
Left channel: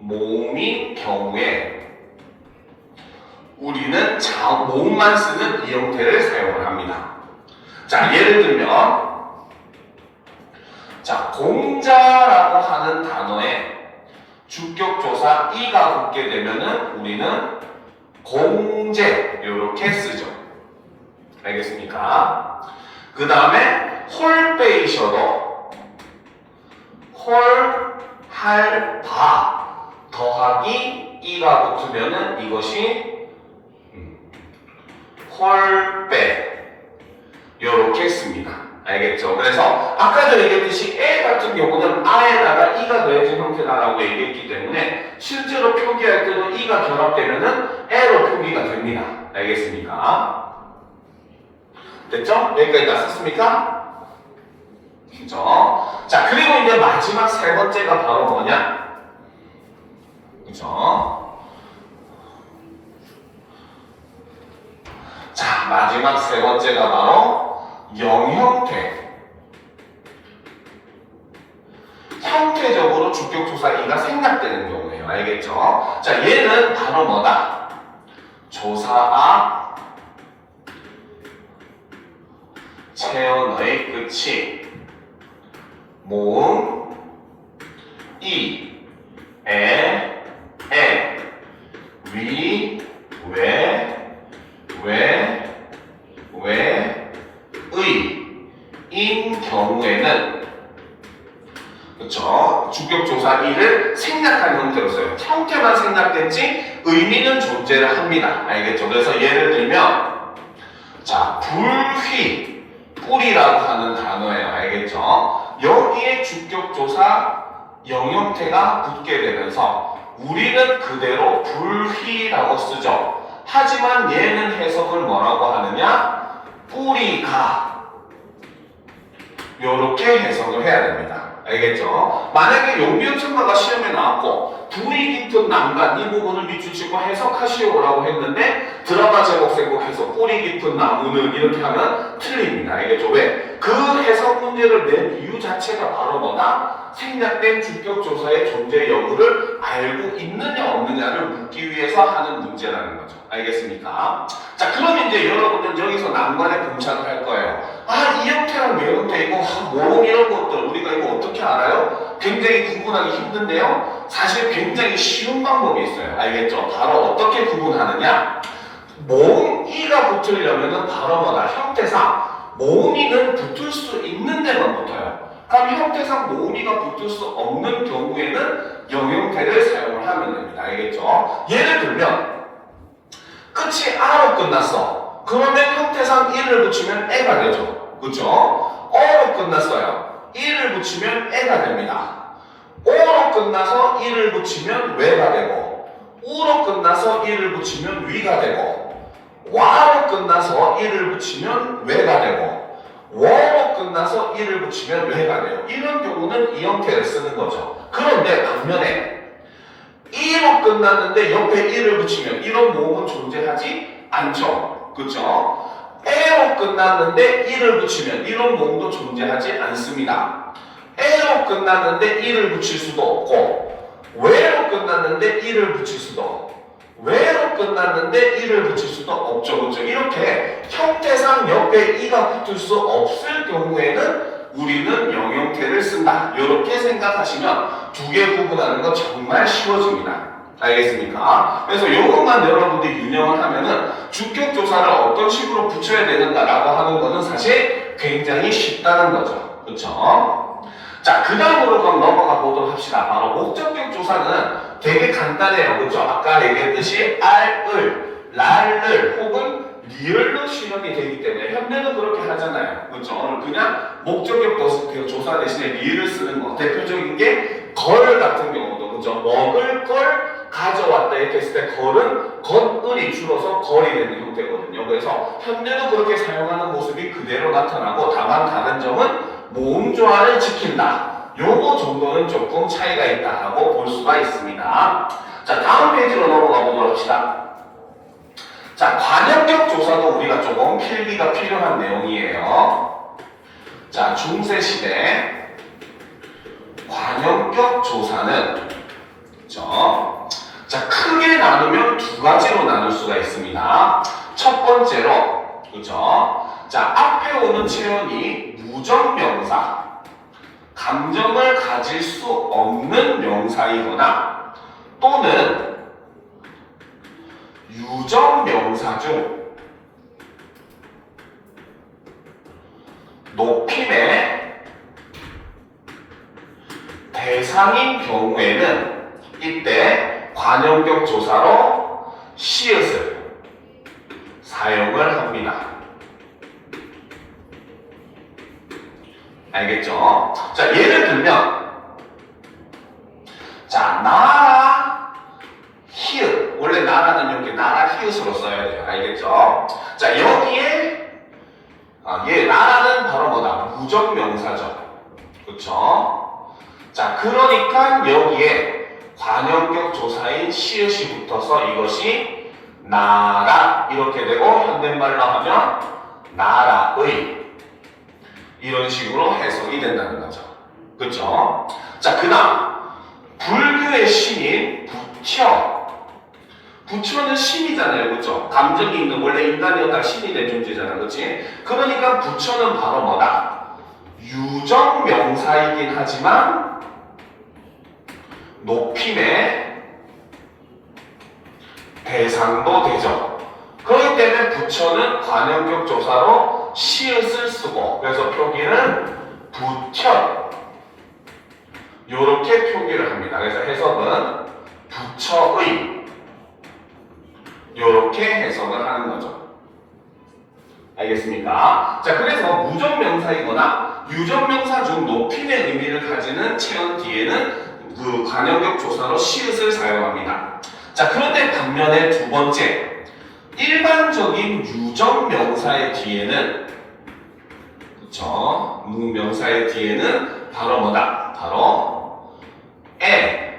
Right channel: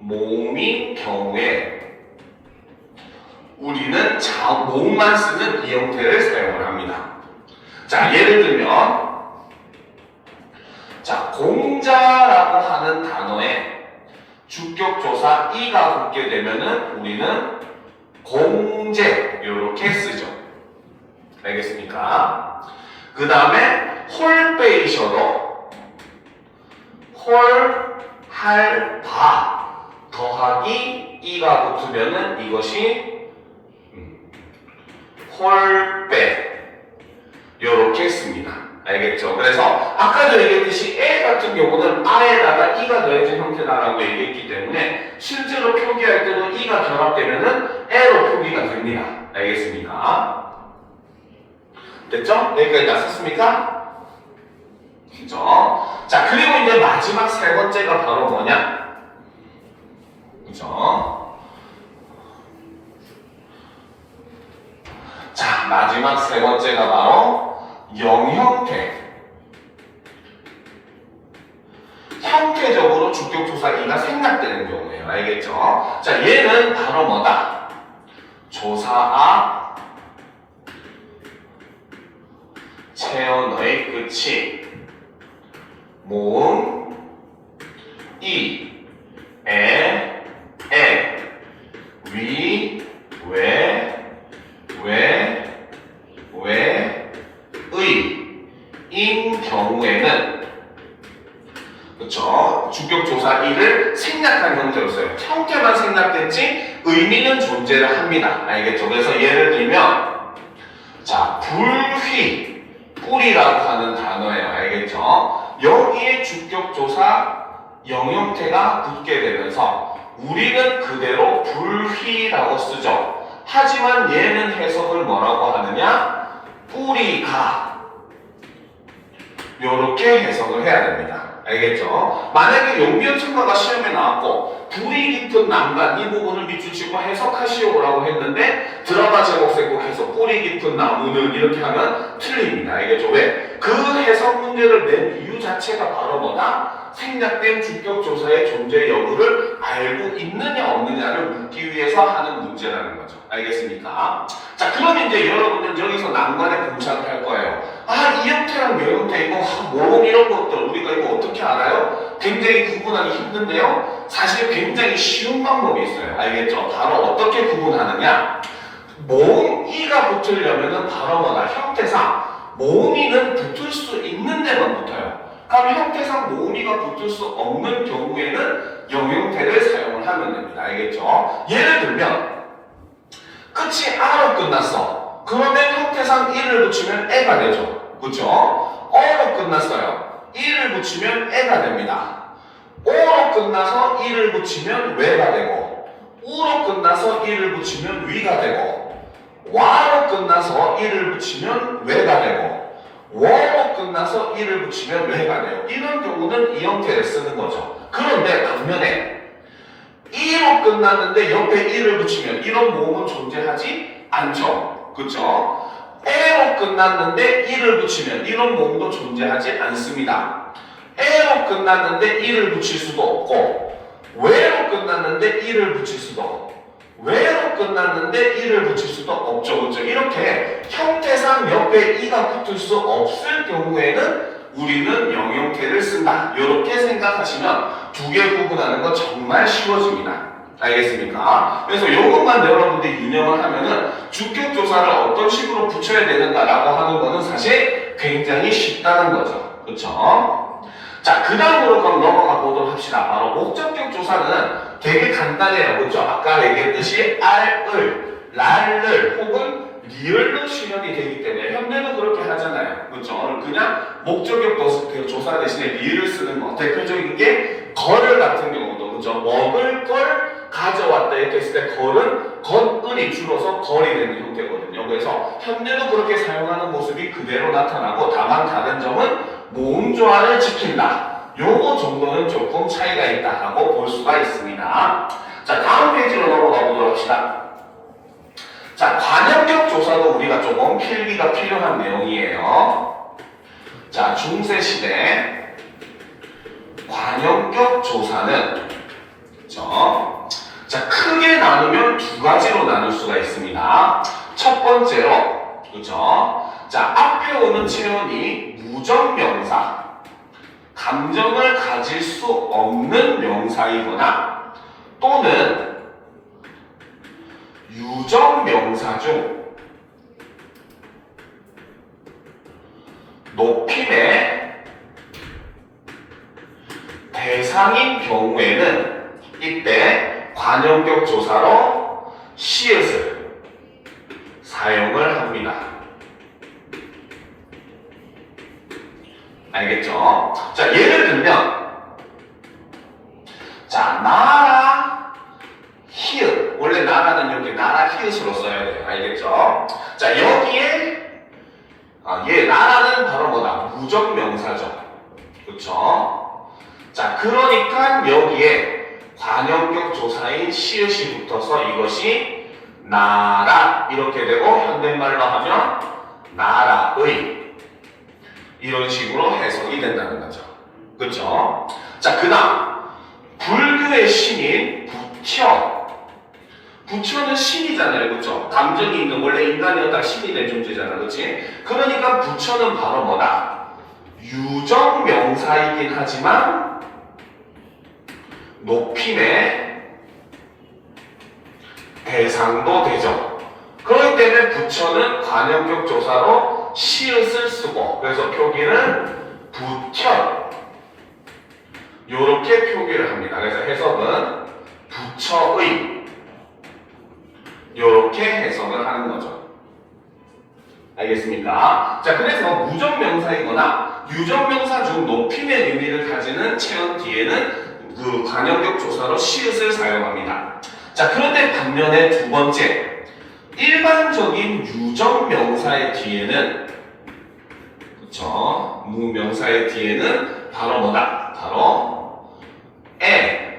모음인 경우에 우리는 모음만 쓰는 이 형태를 사용을 합니다. 자, 예를 들면 자, 공자라고 하는 단어에 주격조사 이가 붙게 되면은 우리는 공제 이렇게 쓰죠. 알겠습니까? 그 다음에 홀빼이셔도 홀, 할, 바 더하기 이가 붙으면은 이것이 홀빼 이렇게 씁니다. 알겠죠? 그래서 아까도 얘기했듯이 에 같은 경우는 아에다가 이가 더해진 형태다라고 얘기했기 때문에 실제로 표기할 때도 이가 결합되면은 에로 표기가 됩니다. 알겠습니까? 됐죠? 여기까지 다 썼습니까? 그죠? 자, 그리고 이제 마지막 세 번째가 바로 뭐냐? 그죠? 자, 마지막 세 번째가 바로 영형태. 형태적으로 주격조사 이가 생략되는 경우예요. 알겠죠? 자, 얘는 바로 뭐다? 조사아 체언어의 끝이 모음 이, 에, 위, 인 경우에는 그쵸? 주격조사 이를 생략한 형태로 써요. 형태만 생략됐지 의미는 존재를 합니다. 알겠죠? 그래서 예를 들면 자, 불휘, 뿔이라고 하는 단어예요. 알겠죠? 여기에 주격조사 영형태가 붙게 되면서 우리는 그대로 불휘라고 쓰죠. 하지만 얘는 해석을 뭐라고 하느냐? 뿌리가 요렇게 해석을 해야 됩니다. 알겠죠? 만약에 용비어 첨가가 시험에 나왔고 불이 깊은 난간 이 부분을 밑줄치고 해석하시오라고 했는데 드라마 제목 생각해서 뿌리 깊은 나무는 이렇게 하면 틀립니다. 알겠죠? 왜? 그 해석 문제를 낸 이유 자체가 바로 뭐다? 생략된 주격조사의 존재 여부를 알고 있느냐 없느냐를 묻기 위해서 하는 문제라는 거죠. 알겠습니까? 자, 그럼 이제 여러분들 여기서 난관에 봉착을 할 거예요. 아, 이 형태랑 이 형태 이거 모음 이런 것들 우리가 이거 어떻게 알아요? 굉장히 구분하기 힘든데요. 사실 굉장히 쉬운 방법이 있어요. 알겠죠? 바로 어떻게 구분하느냐? 모음 이가 붙으려면은 바로 뭐다? 형태상 모음이는 붙을 수 있는 데만 붙어요. 그럼 형태상 모음이가 붙을 수 없는 경우에는 영형태를 사용을 하면 됩니다. 알겠죠? 예를 들면 끝이 아로 끝났어. 그러면 형태상 이를 붙이면 애가 되죠. 그죠? 어로 끝났어요. 이를 붙이면 애가 됩니다. 오로 끝나서 이를 붙이면 왜가 되고 우로 끝나서 이를 붙이면 위가 되고 와로 끝나서 이를 붙이면 왜가 되고 워로 끝나서 이를 붙이면 왜가 돼요. 이런 경우는 이 형태를 쓰는 거죠. 그런데 반면에 이로 끝났는데 옆에 이를 붙이면 이런 모음은 존재하지 않죠. 그렇죠? 에로 끝났는데 이를 붙이면 이런 모음도 존재하지 않습니다. 에로 끝났는데 이를 붙일 수도 없고 왜로 끝났는데 이를 붙일 수도 없고 왜로 끝났는데 이를 붙일 수도 없죠. 그렇죠? 이렇게 형태상 옆에 이가 붙을 수 없을 경우에는 우리는 영형태를 쓴다. 이렇게 생각하시면 두 개 구분하는 건 정말 쉬워집니다. 알겠습니까? 그래서 이것만 여러분들이 유념을 하면은 주격조사를 어떤 식으로 붙여야 되는가라고 하는 거는 사실 굉장히 쉽다는 거죠. 그렇죠? 자, 그 다음으로 그럼 넘어가 보도록 합시다. 바로 목적격 조사는 되게 간단해요. 그렇죠? 아까 얘기했듯이 알을, 랄을 혹은 리을로 실현이 되기 때문에 현대도 그렇게 하잖아요. 그렇죠? 그냥 목적격 조사 대신에 리을을 쓰는 거. 대표적인 게 걸 같은 경우도 그렇죠? 먹을 걸 가져왔다 이렇게 했을 때 걸은 건을이 줄어서 걸이 되는 형태거든요. 그래서 현대도 그렇게 사용하는 모습이 그대로 나타나고 다만 다른 점은 모음 조화를 지킨다. 요거 정도는 조금 차이가 있다고 볼 수가 있습니다. 자, 다음 페이지로 넘어가 보도록 합시다. 자, 관용격 조사도 우리가 조금 필기가 필요한 내용이에요. 자, 중세시대 관용격 조사는 그렇죠? 자, 크게 나누면 두 가지로 나눌 수가 있습니다. 첫 번째로 그렇죠? 자, 앞에 오는 체험이 무정명사, 감정을 가질 수 없는 명사이거나 또는 유정명사 중 높임의 대상인 경우에는 이때 관용격 조사로 시읒을 사용을 합니다. 알겠죠? 자, 예를 들면 자, 나라 히읗, 원래 나라는 이렇게 나라 히읗으로 써야 돼요. 알겠죠? 자, 여기에 나라는 바로 뭐다? 무정명사죠. 그렇죠? 자, 그러니까 여기에 관용격 조사인 시읒이 붙어서 이것이 나라 이렇게 되고 현대말로 하면 나라의 이런 식으로 해석이 된다는 거죠. 그렇죠? 자, 그 다음 불교의 신인 부처. 부처는 신이잖아요. 그렇죠? 감정이 있는 원래 인간이었다 신이 된 존재잖아. 그렇지? 그러니까 부처는 바로 뭐다? 유정명사이긴 하지만 높임의 대상도 되죠. 그렇기 때문에 부처는 관용격 조사로 시읒을 쓰고 그래서 표기는 부처 요렇게 표기를 합니다. 그래서 해석은 부처의 요렇게 해석을 하는 거죠. 알겠습니까? 자, 그래서 무정명사이거나 유정명사 중 높임의 의미를 가지는 체언 뒤에는 그 관용격 조사로 시읒을 사용합니다. 자, 그런데 반면에 두 번째 일반적인 유정명사의 뒤에는 그쵸? 무명사의 뒤에는 바로 뭐다? 바로 에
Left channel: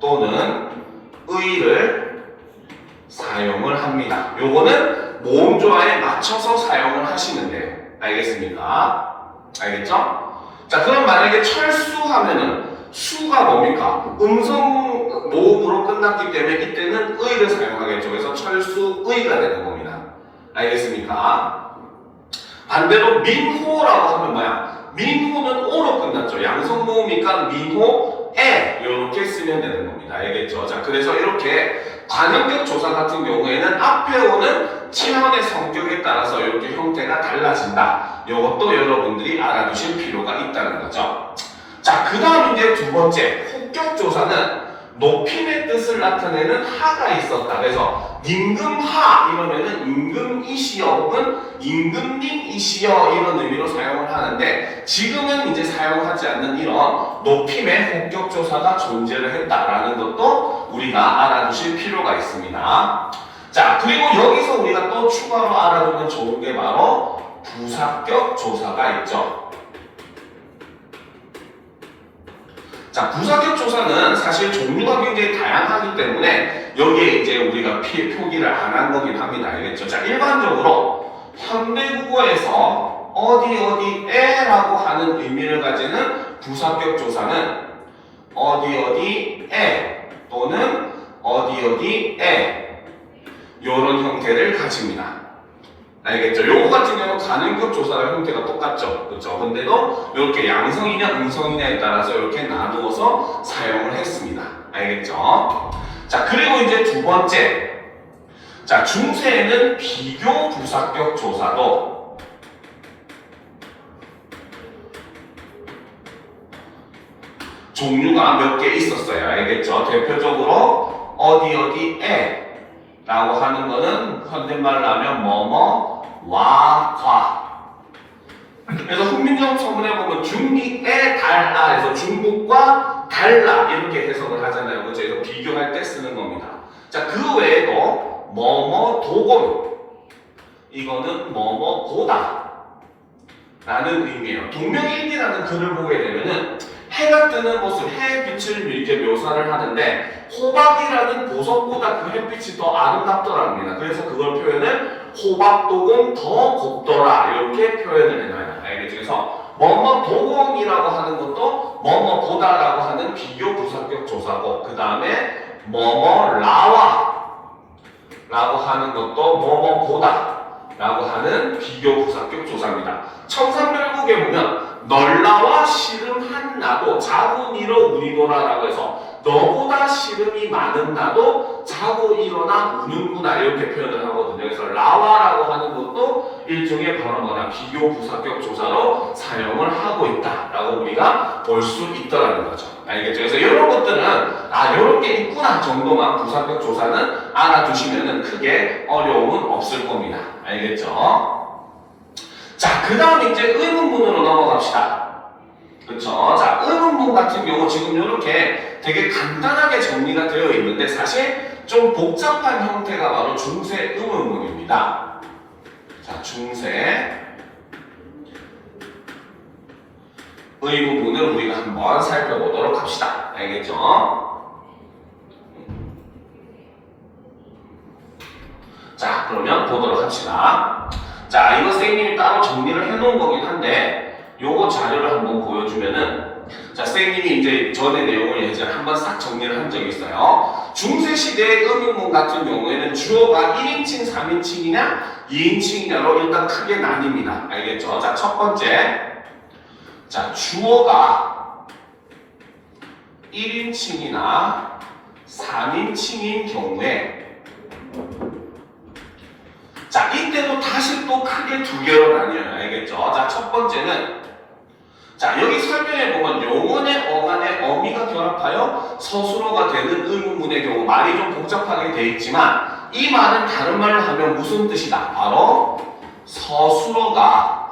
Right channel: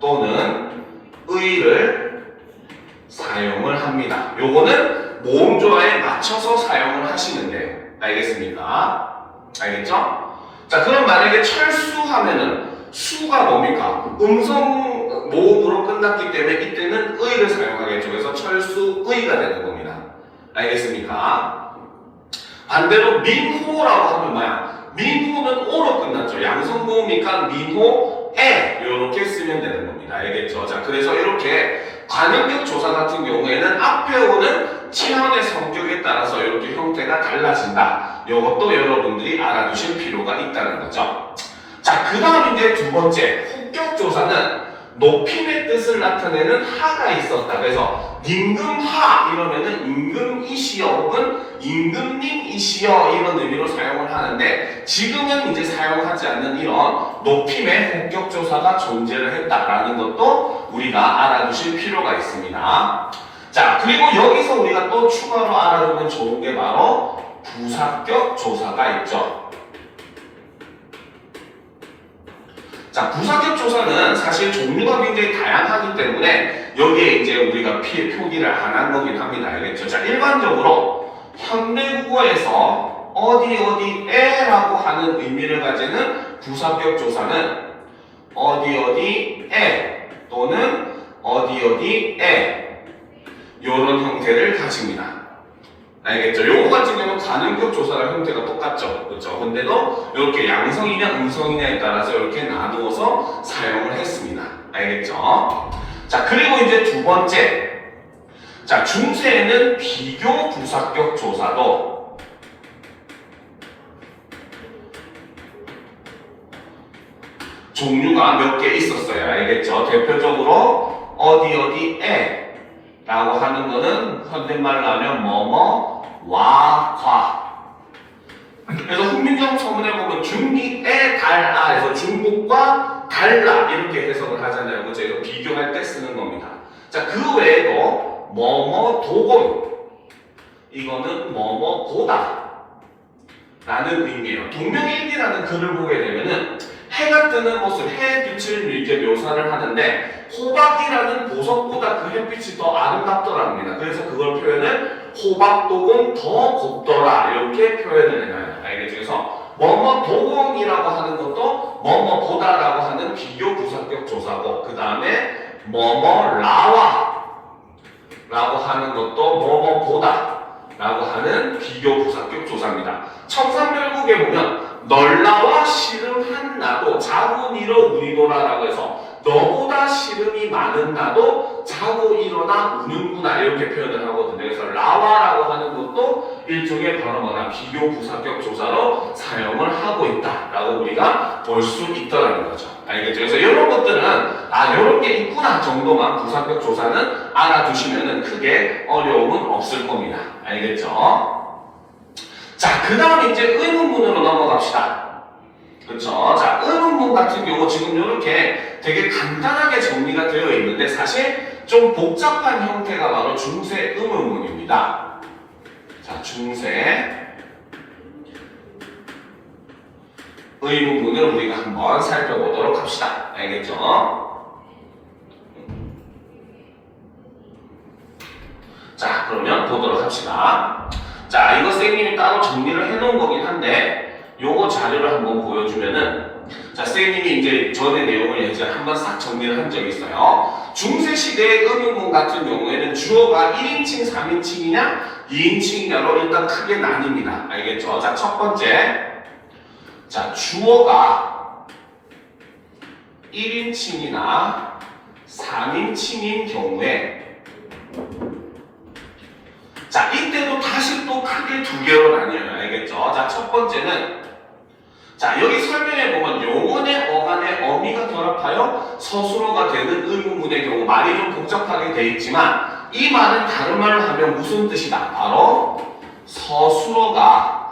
또는 의를 사용을 합니다. 요거는 모음조화에 맞춰서 사용을 하시면 돼요. 알겠습니까? 알겠죠? 자, 그럼 만약에 철수하면은 수가 뭡니까? 음성 모음으로 끝났기 때문에 이때는 의를 사용하겠죠. 그래서 철수의가 되는 겁니다. 알겠습니까? 반대로 민호라고 하면 뭐야? 민호는 오로 끝났죠. 양성 모음이니까 민호에 이렇게 쓰면 되는 겁니다. 알겠죠? 자, 그래서 이렇게 관용격 조사 같은 경우에는 앞에 오는 체언의 성격에 따라서 이렇게 형태가 달라진다. 이것도 여러분들이 알아두실 필요가 있다는 거죠. 자, 그 다음 이제 두 번째 혹격 조사는 높임의 뜻을 나타내는 하가 있었다. 그래서 임금하 이러면은 임금이시여 혹은 임금님이시여 이런 의미로 사용을 하는데 지금은 이제 사용하지 않는 이런 높임의 혹격 조사가 존재를 했다라는 것도 우리가 알아두실 필요가 있습니다. 자, 그리고 여기서 우리가 또 추가로 알아두면 좋은 게 바로 부사격 조사가 있죠. 자, 부사격 조사는 사실 종류가 굉장히 다양하기 때문에 여기에 이제 우리가 표기를 안 한 거긴 합니다. 알겠죠? 자, 일반적으로 현대국어에서 어디에라고 하는 의미를 가지는 부사격 조사는 어디에 또는 어디에 이런 형태를 가집니다. 알겠죠? 요거 같은 경우는 관용격 조사랑 형태가 똑같죠. 그렇죠? 근데도 이렇게 양성이냐 음성이냐에 따라서 이렇게 나누어서 사용을 했습니다. 알겠죠? 자, 그리고 이제 두 번째. 자, 중세에는 비교 부사격 조사도 종류가 몇 개 있었어요. 알겠죠? 대표적으로 어디에 라고 하는 거는 현대말로 하면 뭐뭐 와과. 그래서 훈민정 서문에 보면 중리에 달라 해서 중국과 달라 이렇게 해석을 하잖아요. 그래서 이거 비교할 때 쓰는 겁니다. 자, 그 외에도 뭐뭐 도곤 이거는 뭐뭐 보다 라는 의미예요. 동명일비라는 글을 보게 되면은 해가 뜨는 모습, 해의 빛을 이제 묘사를 하는데 호박이라는 보석보다 그 햇빛이 더 아름답더랍니다. 그래서 그걸 표현을 호박도공 더 곱더라 이렇게 표현을 해놔요. 알겠죠? 그래서 뭐뭐 도공이라고 하는 것도 뭐뭐 보다라고 하는 비교 부사격 조사고 그 다음에 뭐뭐 라와 라고 하는 것도 뭐뭐 보다 라고 하는 비교 부사격 조사입니다. 청산별국에 보면 널나와 씨름한 나도 자고 일어 우리노라 라고 해서 너보다 씨름이 많은 나도 자고 일어나 우는구나 이렇게 표현을 하거든요. 그래서 라와라고 하는 것도 일종의 바로 뭐냐 비교 부사격 조사로 사용을 하고 있다라고 우리가 볼 수 있더라는 거죠. 알겠죠? 그래서 이런 것들은 이런 게 있구나 정도만 부사격 조사는 알아두시면은 크게 어려움은 없을 겁니다. 알겠죠? 자, 그 다음에 이제 의문문으로 넘어갑시다. 그쵸? 자, 의문문 같은 경우 지금 이렇게 되게 간단하게 정리가 되어 있는데 사실 좀 복잡한 형태가 바로 중세 의문문입니다. 자, 중세 의문문을 우리가 한번 살펴보도록 합시다. 알겠죠? 자, 그러면 보도록 합시다. 자, 이거 선생님이 따로 정리를 해놓은 거긴 한데 요거 자료를 한번 보여주면은 자, 선생님이 이제 전의 내용을 이제 한번 싹 정리를 한 적이 있어요. 중세시대의 의문문 같은 경우에는 주어가 1인칭, 3인칭이냐 2인칭이냐로 일단 크게 나뉩니다. 알겠죠? 자, 첫 번째 자, 주어가 1인칭이나 3인칭인 경우에 자, 이때도 다시 또 크게 두 개로 나뉘어요. 알겠죠? 자, 첫 번째는 자, 여기 설명해 보면 용언의 어간에 어미가 결합하여 서술어가 되는 의문문의 경우 말이 좀 복잡하게 되어 있지만 이 말은 다른 말로 하면 무슨 뜻이다? 바로 서술어가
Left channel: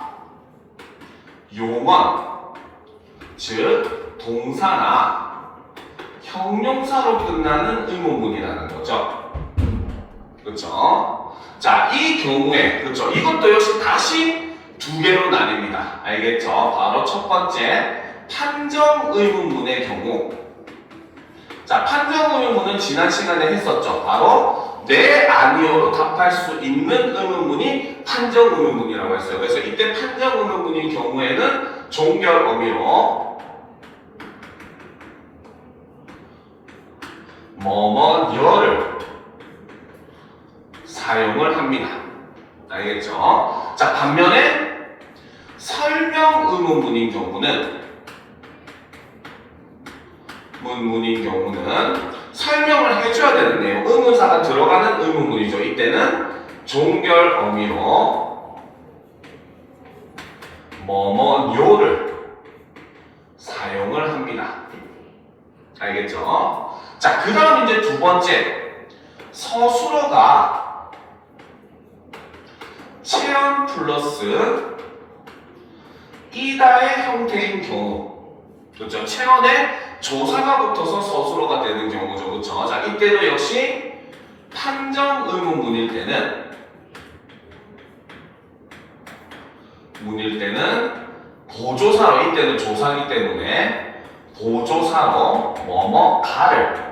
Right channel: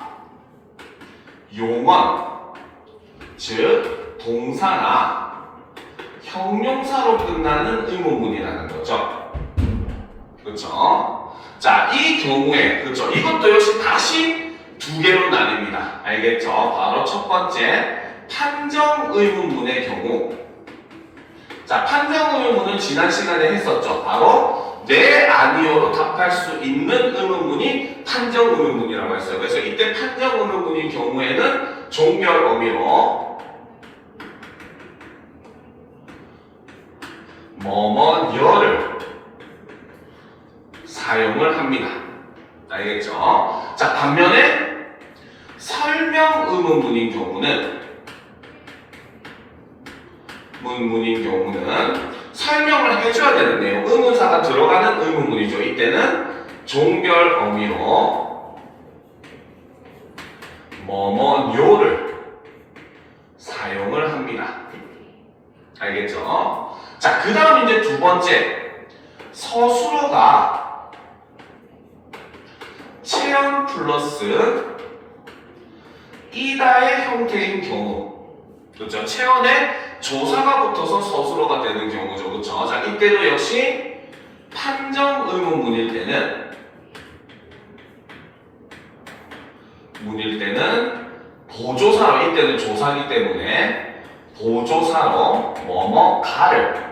용언 즉 동사나 형용사로 끝나는 의문문이라는 거죠. 그렇죠? 자, 이 경우에 그렇죠? 이것도 역시 다시 두 개로 나뉩니다. 알겠죠? 바로 첫 번째 판정 의문문의 경우 자, 판정 의문문은 지난 시간에 했었죠. 바로 네, 아니요로 답할 수 있는 의문문이 판정 의문문이라고 했어요. 그래서 이때 판정 의문문인 경우에는 종결 어미로 뭐뭐여를 사용을 합니다. 알겠죠? 자, 반면에 설명 의문문인 경우는 설명을 해줘야 되는데요. 의문사가 들어가는 의문문이죠. 이때는 종결 어미로 뭐뭐요를 사용을 합니다. 알겠죠? 자, 그 다음 이제 두 번째 서술어가 체언 플러스 이다의 형태인 경우 그렇죠? 체언에 조사가 붙어서 서술어가 되는 경우죠. 그렇죠? 자, 이때도 역시 판정 의문문일 때는 보조사로 이때는 조사기 때문에 보조사로 뭐뭐가를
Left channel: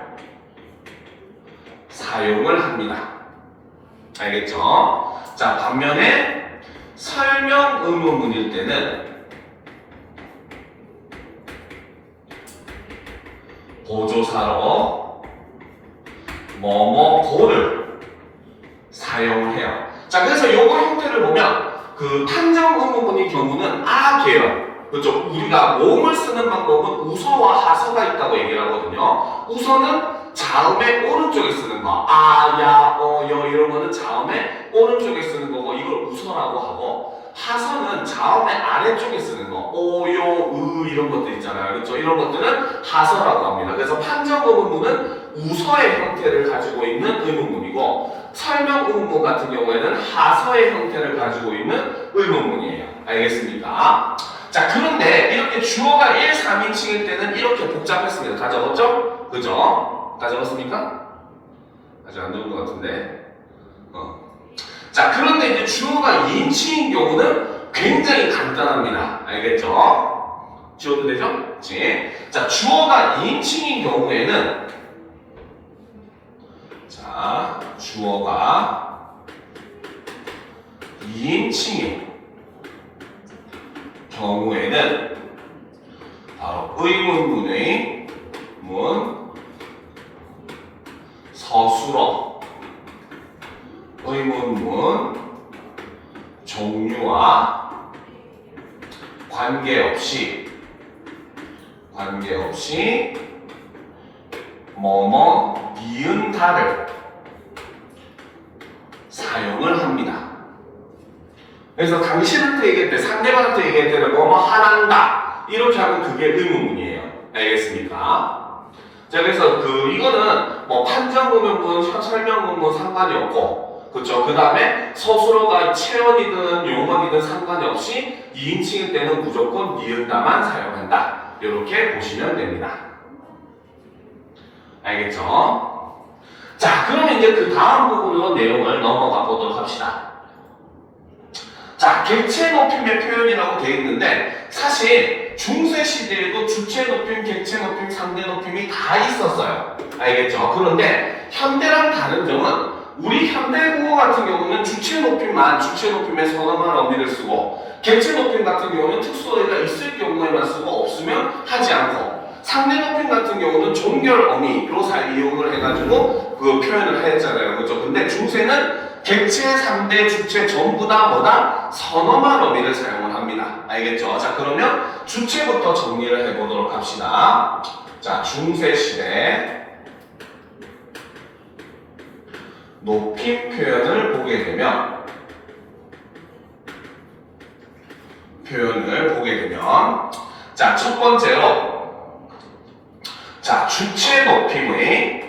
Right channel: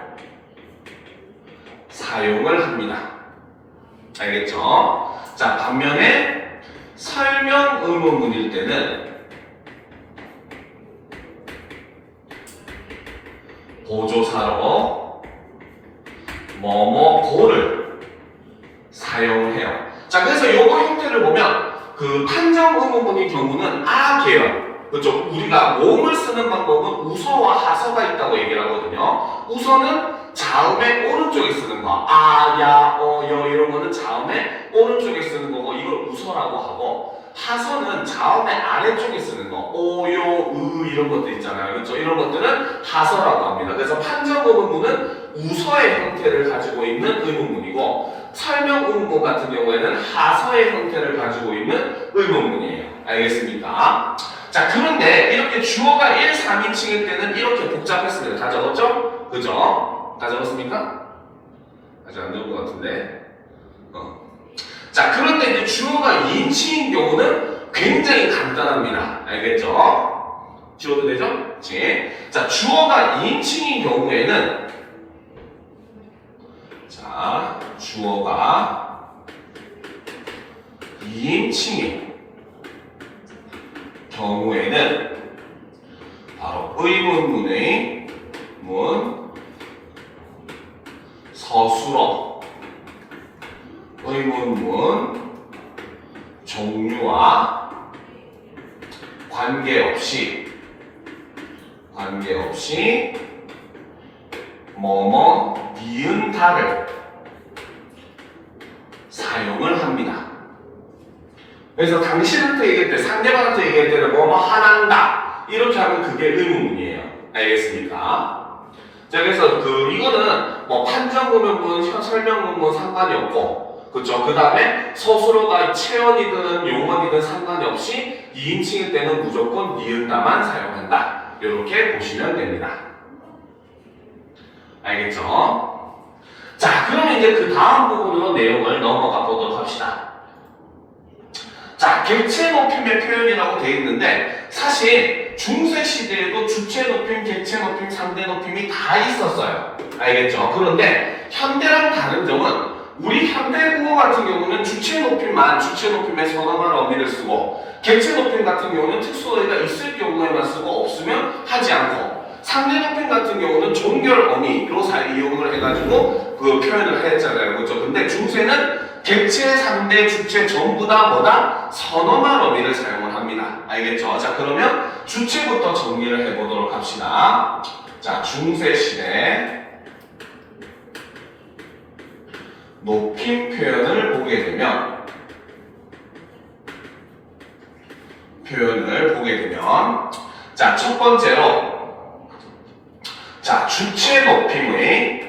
사용을 합니다. 알겠죠? 자, 반면에 설명 의문문일 때는 보조사로 뭐뭐고를 사용을 해요. 자, 그래서 요거 형태를 보면 그 판정 의문문인 경우는 계열 그렇죠? 우리가 몸을 쓰는 방법은 우서와 하서가 있다고 얘기를 하거든요. 우서는 자음의 오른쪽에 쓰는 거, 야, 여 이런 거는 자음의 오른쪽에 쓰는 거고 이걸 우서라고 하고 하서는 자음의 아래쪽에 쓰는 거, 오, 요, 이런 것들 있잖아요. 그렇죠? 이런 것들은 하서라고 합니다. 그래서 판정 의문문은 우서의 형태를 가지고 있는 의문문이고 설명 의문문 같은 경우에는 하서의 형태를 가지고 있는 의문문이에요. 알겠습니까? 자, 그런데 이렇게 주어가 1, 3인칭일 때는 이렇게 복잡했습니다. 다 적었죠? 그죠? 다 적었습니까? 아직 안 적은 것 같은데. 자, 그런데 이제 주어가 2인칭인 경우는 굉장히 간단합니다. 알겠죠? 지워도 되죠? 그렇지? 자, 주어가 2인칭인 경우에는 자, 주어가 2인칭인 경우에는 바로 의문문의 문, 서술어, 의문문 종류와 관계없이 뭐뭐 니은 다를 사용을 합니다. 그래서 당신한테 얘기할 때, 상대방한테 얘기할 때는 뭐뭐 하란다 이렇게 하면 그게 의문문이에요. 알겠습니까? 자, 그래서 이거는 뭐 판정문문, 설명문문 상관이 없고, 그쵸? 그 다음에 서술어가 체언이든 용언이든 상관이 없이 2인칭일 때는 무조건 니은다만 사용한다. 이렇게 보시면 됩니다. 알겠죠? 자, 그러면 이제 그 다음 부분으로 내용을 넘어가 보도록 합시다. 자, 객체 높임의 표현이라고 되어 있는데 사실 중세 시대에도 주체 높임, 객체 높임, 상대 높임이 다 있었어요. 알겠죠? 그런데 현대랑 다른 점은 우리 현대국어 같은 경우는 주체 높임만 주체 높임에 선언한 어미를 쓰고 객체 높임 같은 경우는 특수어휘가 있을 경우에만 쓰고 없으면 하지 않고 상대 높임 같은 경우는 종결 어미로 이용을 해가지고 그 표현을 했잖아요. 그렇죠? 근데 중세는 객체, 상대, 주체 전부 다 뭐다? 선어말 어미를 사용을 합니다. 알겠죠? 자, 그러면 주체부터 정리를 해보도록 합시다. 자, 중세 시대 높임 표현을 보게 되면 자, 첫 번째로 자, 주체 높임의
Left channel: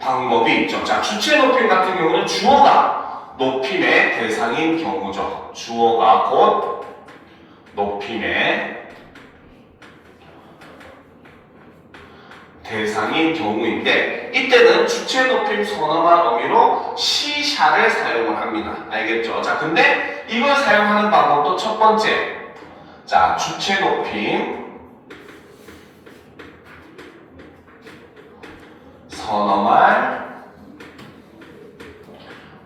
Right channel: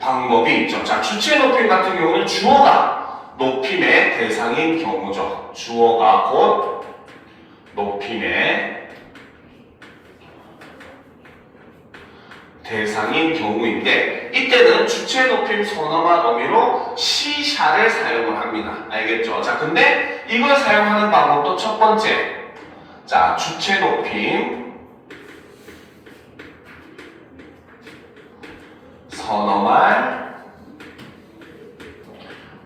방법이 있죠. 자, 주체 높임 같은 경우는 주어가 높임의 대상인 경우죠. 주어가 곧 높임의 대상인 경우인데 이때는 주체 높임 선어말 어미로 시샤를 사용을 합니다. 알겠죠? 자, 근데 이걸 사용하는 방법도 첫 번째. 자, 주체 높임 선어말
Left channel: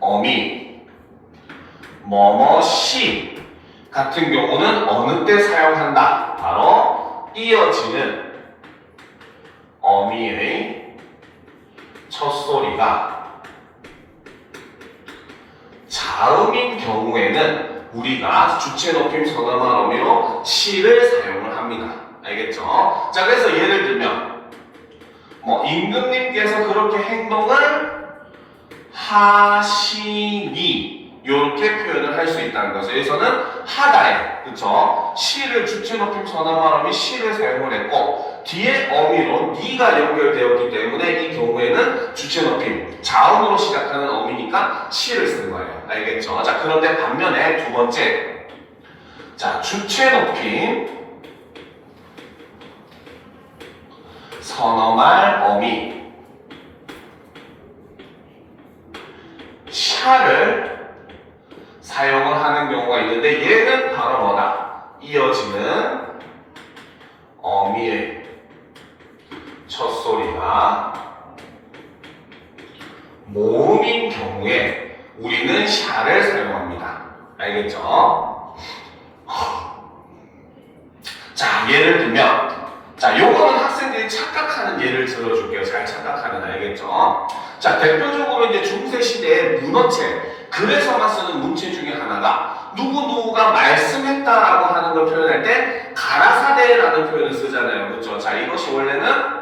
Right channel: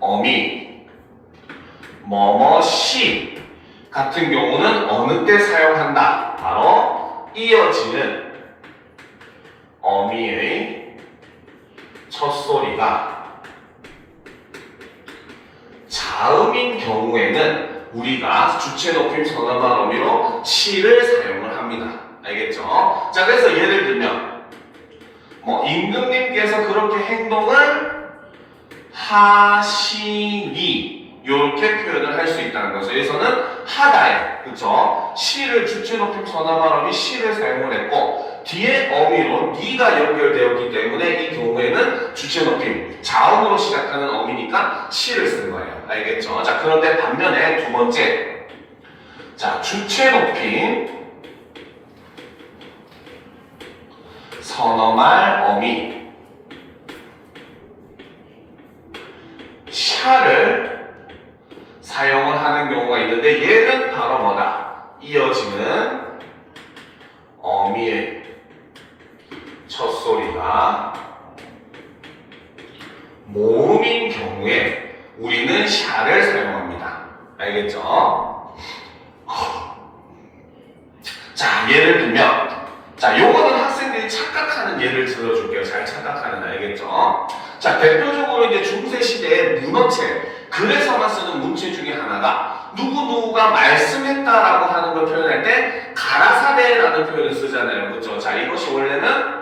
어미 뭐뭐시 같은 경우는 어느 때 사용한다? 바로 이어지는 어미의 첫소리가 자음인 경우에는 우리가 주체 높임 선어말 어미로 시를 사용을 합니다. 알겠죠? 자, 그래서 예를 들면 뭐 임금님께서 그렇게 행동을 하시니 이렇게 표현을 할 수 있다는 거죠. 여기서는 하다에, 그쵸? 시를 주체 높임 선어말 어미 시를 사용을 했고 뒤에 어미로 니가 연결되었기 때문에 이 경우에는 주체 높임 자음으로 시작하는 어미니까 시를 쓰는 거예요. 알겠죠? 자, 그런데 반면에 두 번째, 자, 주체 높임 선어말 어미 샤를 사용을 하는 경우가 있는데 얘는 바로 뭐다? 이어지는 어미의 첫소리가 모음인 경우에 우리는 샤를 사용합니다. 알겠죠? 자, 예를 들면 자, 요거는 학생들이 착각하는 예를 들어줄게요. 잘 착각하는, 알겠죠? 자, 대표적으로 이제 중세시대의 문어체, 글에서만 쓰는 문체 중에 하나가 누구누구가 말씀했다라고 하는 걸 표현할 때 가라사대라는 표현을 쓰잖아요. 그렇죠? 자, 이것이 원래는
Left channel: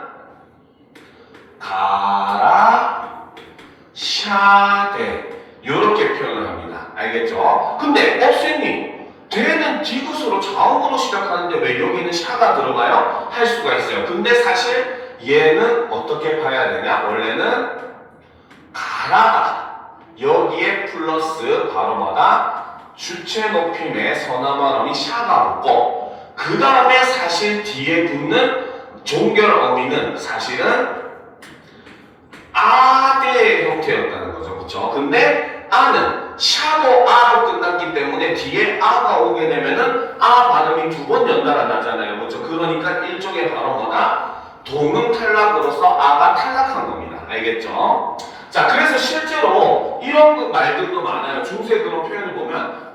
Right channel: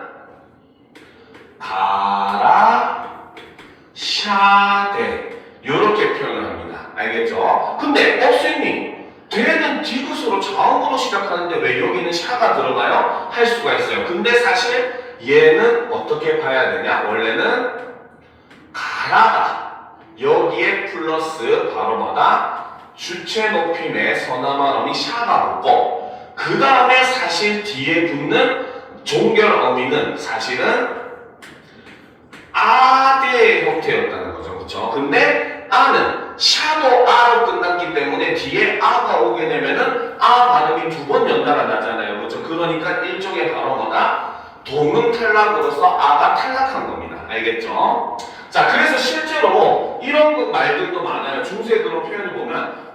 가라샤대 이렇게 표현을 합니다. 알겠죠? 근데 선생님 대는 디귿으로 자음으로 시작하는데 왜 여기는 샤가 들어가요? 할 수가 있어요. 근데 사실 얘는 어떻게 봐야 되냐? 원래는 가라가 여기에 플러스 바로 뭐다? 주체 높임의 선어말 어미 샤가 붙고 그 다음에 사실 뒤에 붙는 종결 어미는 사실은 아대의 형태였다는 거죠. 그렇죠? 근데 아는 샤도 아로 끝나기 끝났기 때문에 뒤에 아가 오게 되면은 아 발음이 두 번 연달아 나잖아요. 그렇죠? 그러니까 일종의 발음어나 동음 탈락으로서 아가 탈락한 겁니다. 알겠죠? 자, 그래서 실제로 이런 말들도 많아요. 중세그로 표현을 보면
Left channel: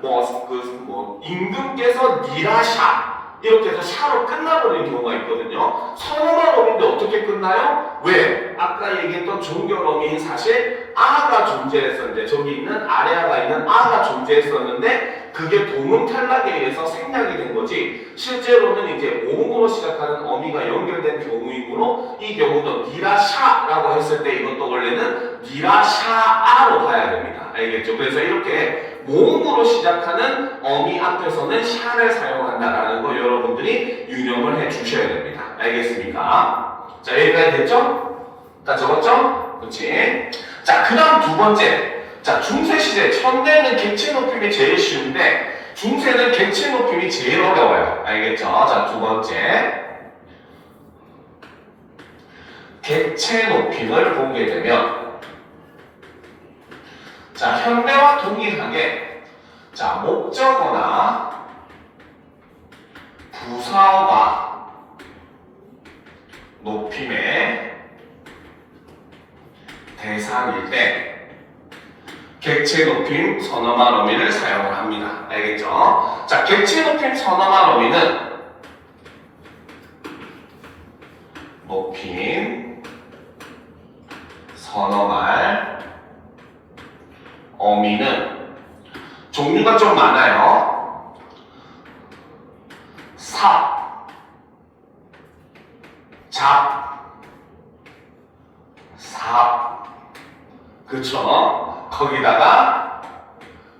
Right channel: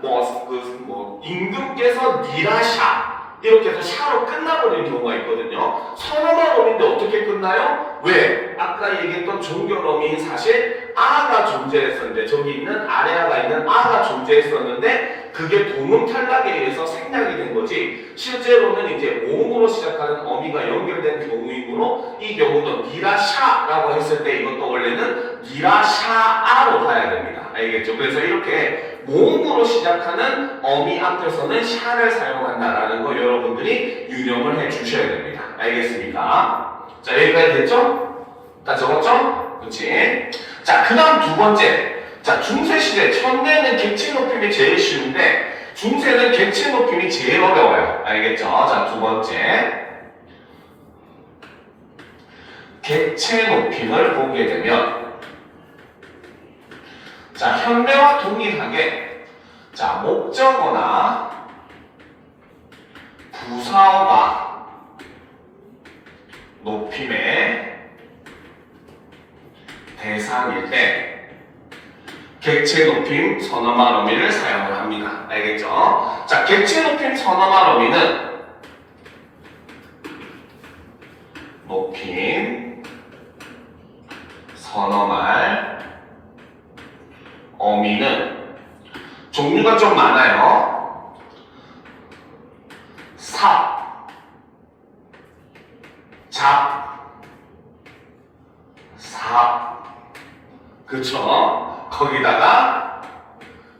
임금께서 니라샤 이렇게 해서 샤로 끝나버리는 경우가 있거든요. 선어말어민데 어떻게 끝나요? 왜? 아까 얘기했던 종결어민 사실 아가 존재했었는데 저기 있는 아래아가 있는 아가 존재했었는데 그게 동음 탈락에 의해서 생략이 된 거지 실제로는 이제 오음으로 시작하는 어미가 연결된 경우이므로 이 경우도 니라샤라고 했을 때 이것도 원래는 니라샤아로 가야 됩니다. 알겠죠? 그래서 이렇게 모음으로 시작하는 어미 앞에서는 샤를 사용한다라는 거 여러분들이 유념을 해 주셔야 됩니다. 알겠습니까? 자, 여기까지 됐죠? 다 적었죠? 그렇지? 자, 그 다음 두 번째. 자, 중세시대, 천대는 객체 높임이 제일 쉬운데 중세는 객체 높임이 제일 어려워요. 알겠죠? 자, 두 번째. 객체 높임을 보게 되면 자, 현대와 동일하게 자, 목적어나 부사어가 높임의 대상일 때 객체 높임 선어말 어미를 사용을 합니다. 알겠죠? 자, 객체 높임 선어말 어미는 높임 선어말 어미는 종류가 좀 많아요. 삽, 잡, 삽. 그쵸? 거기다가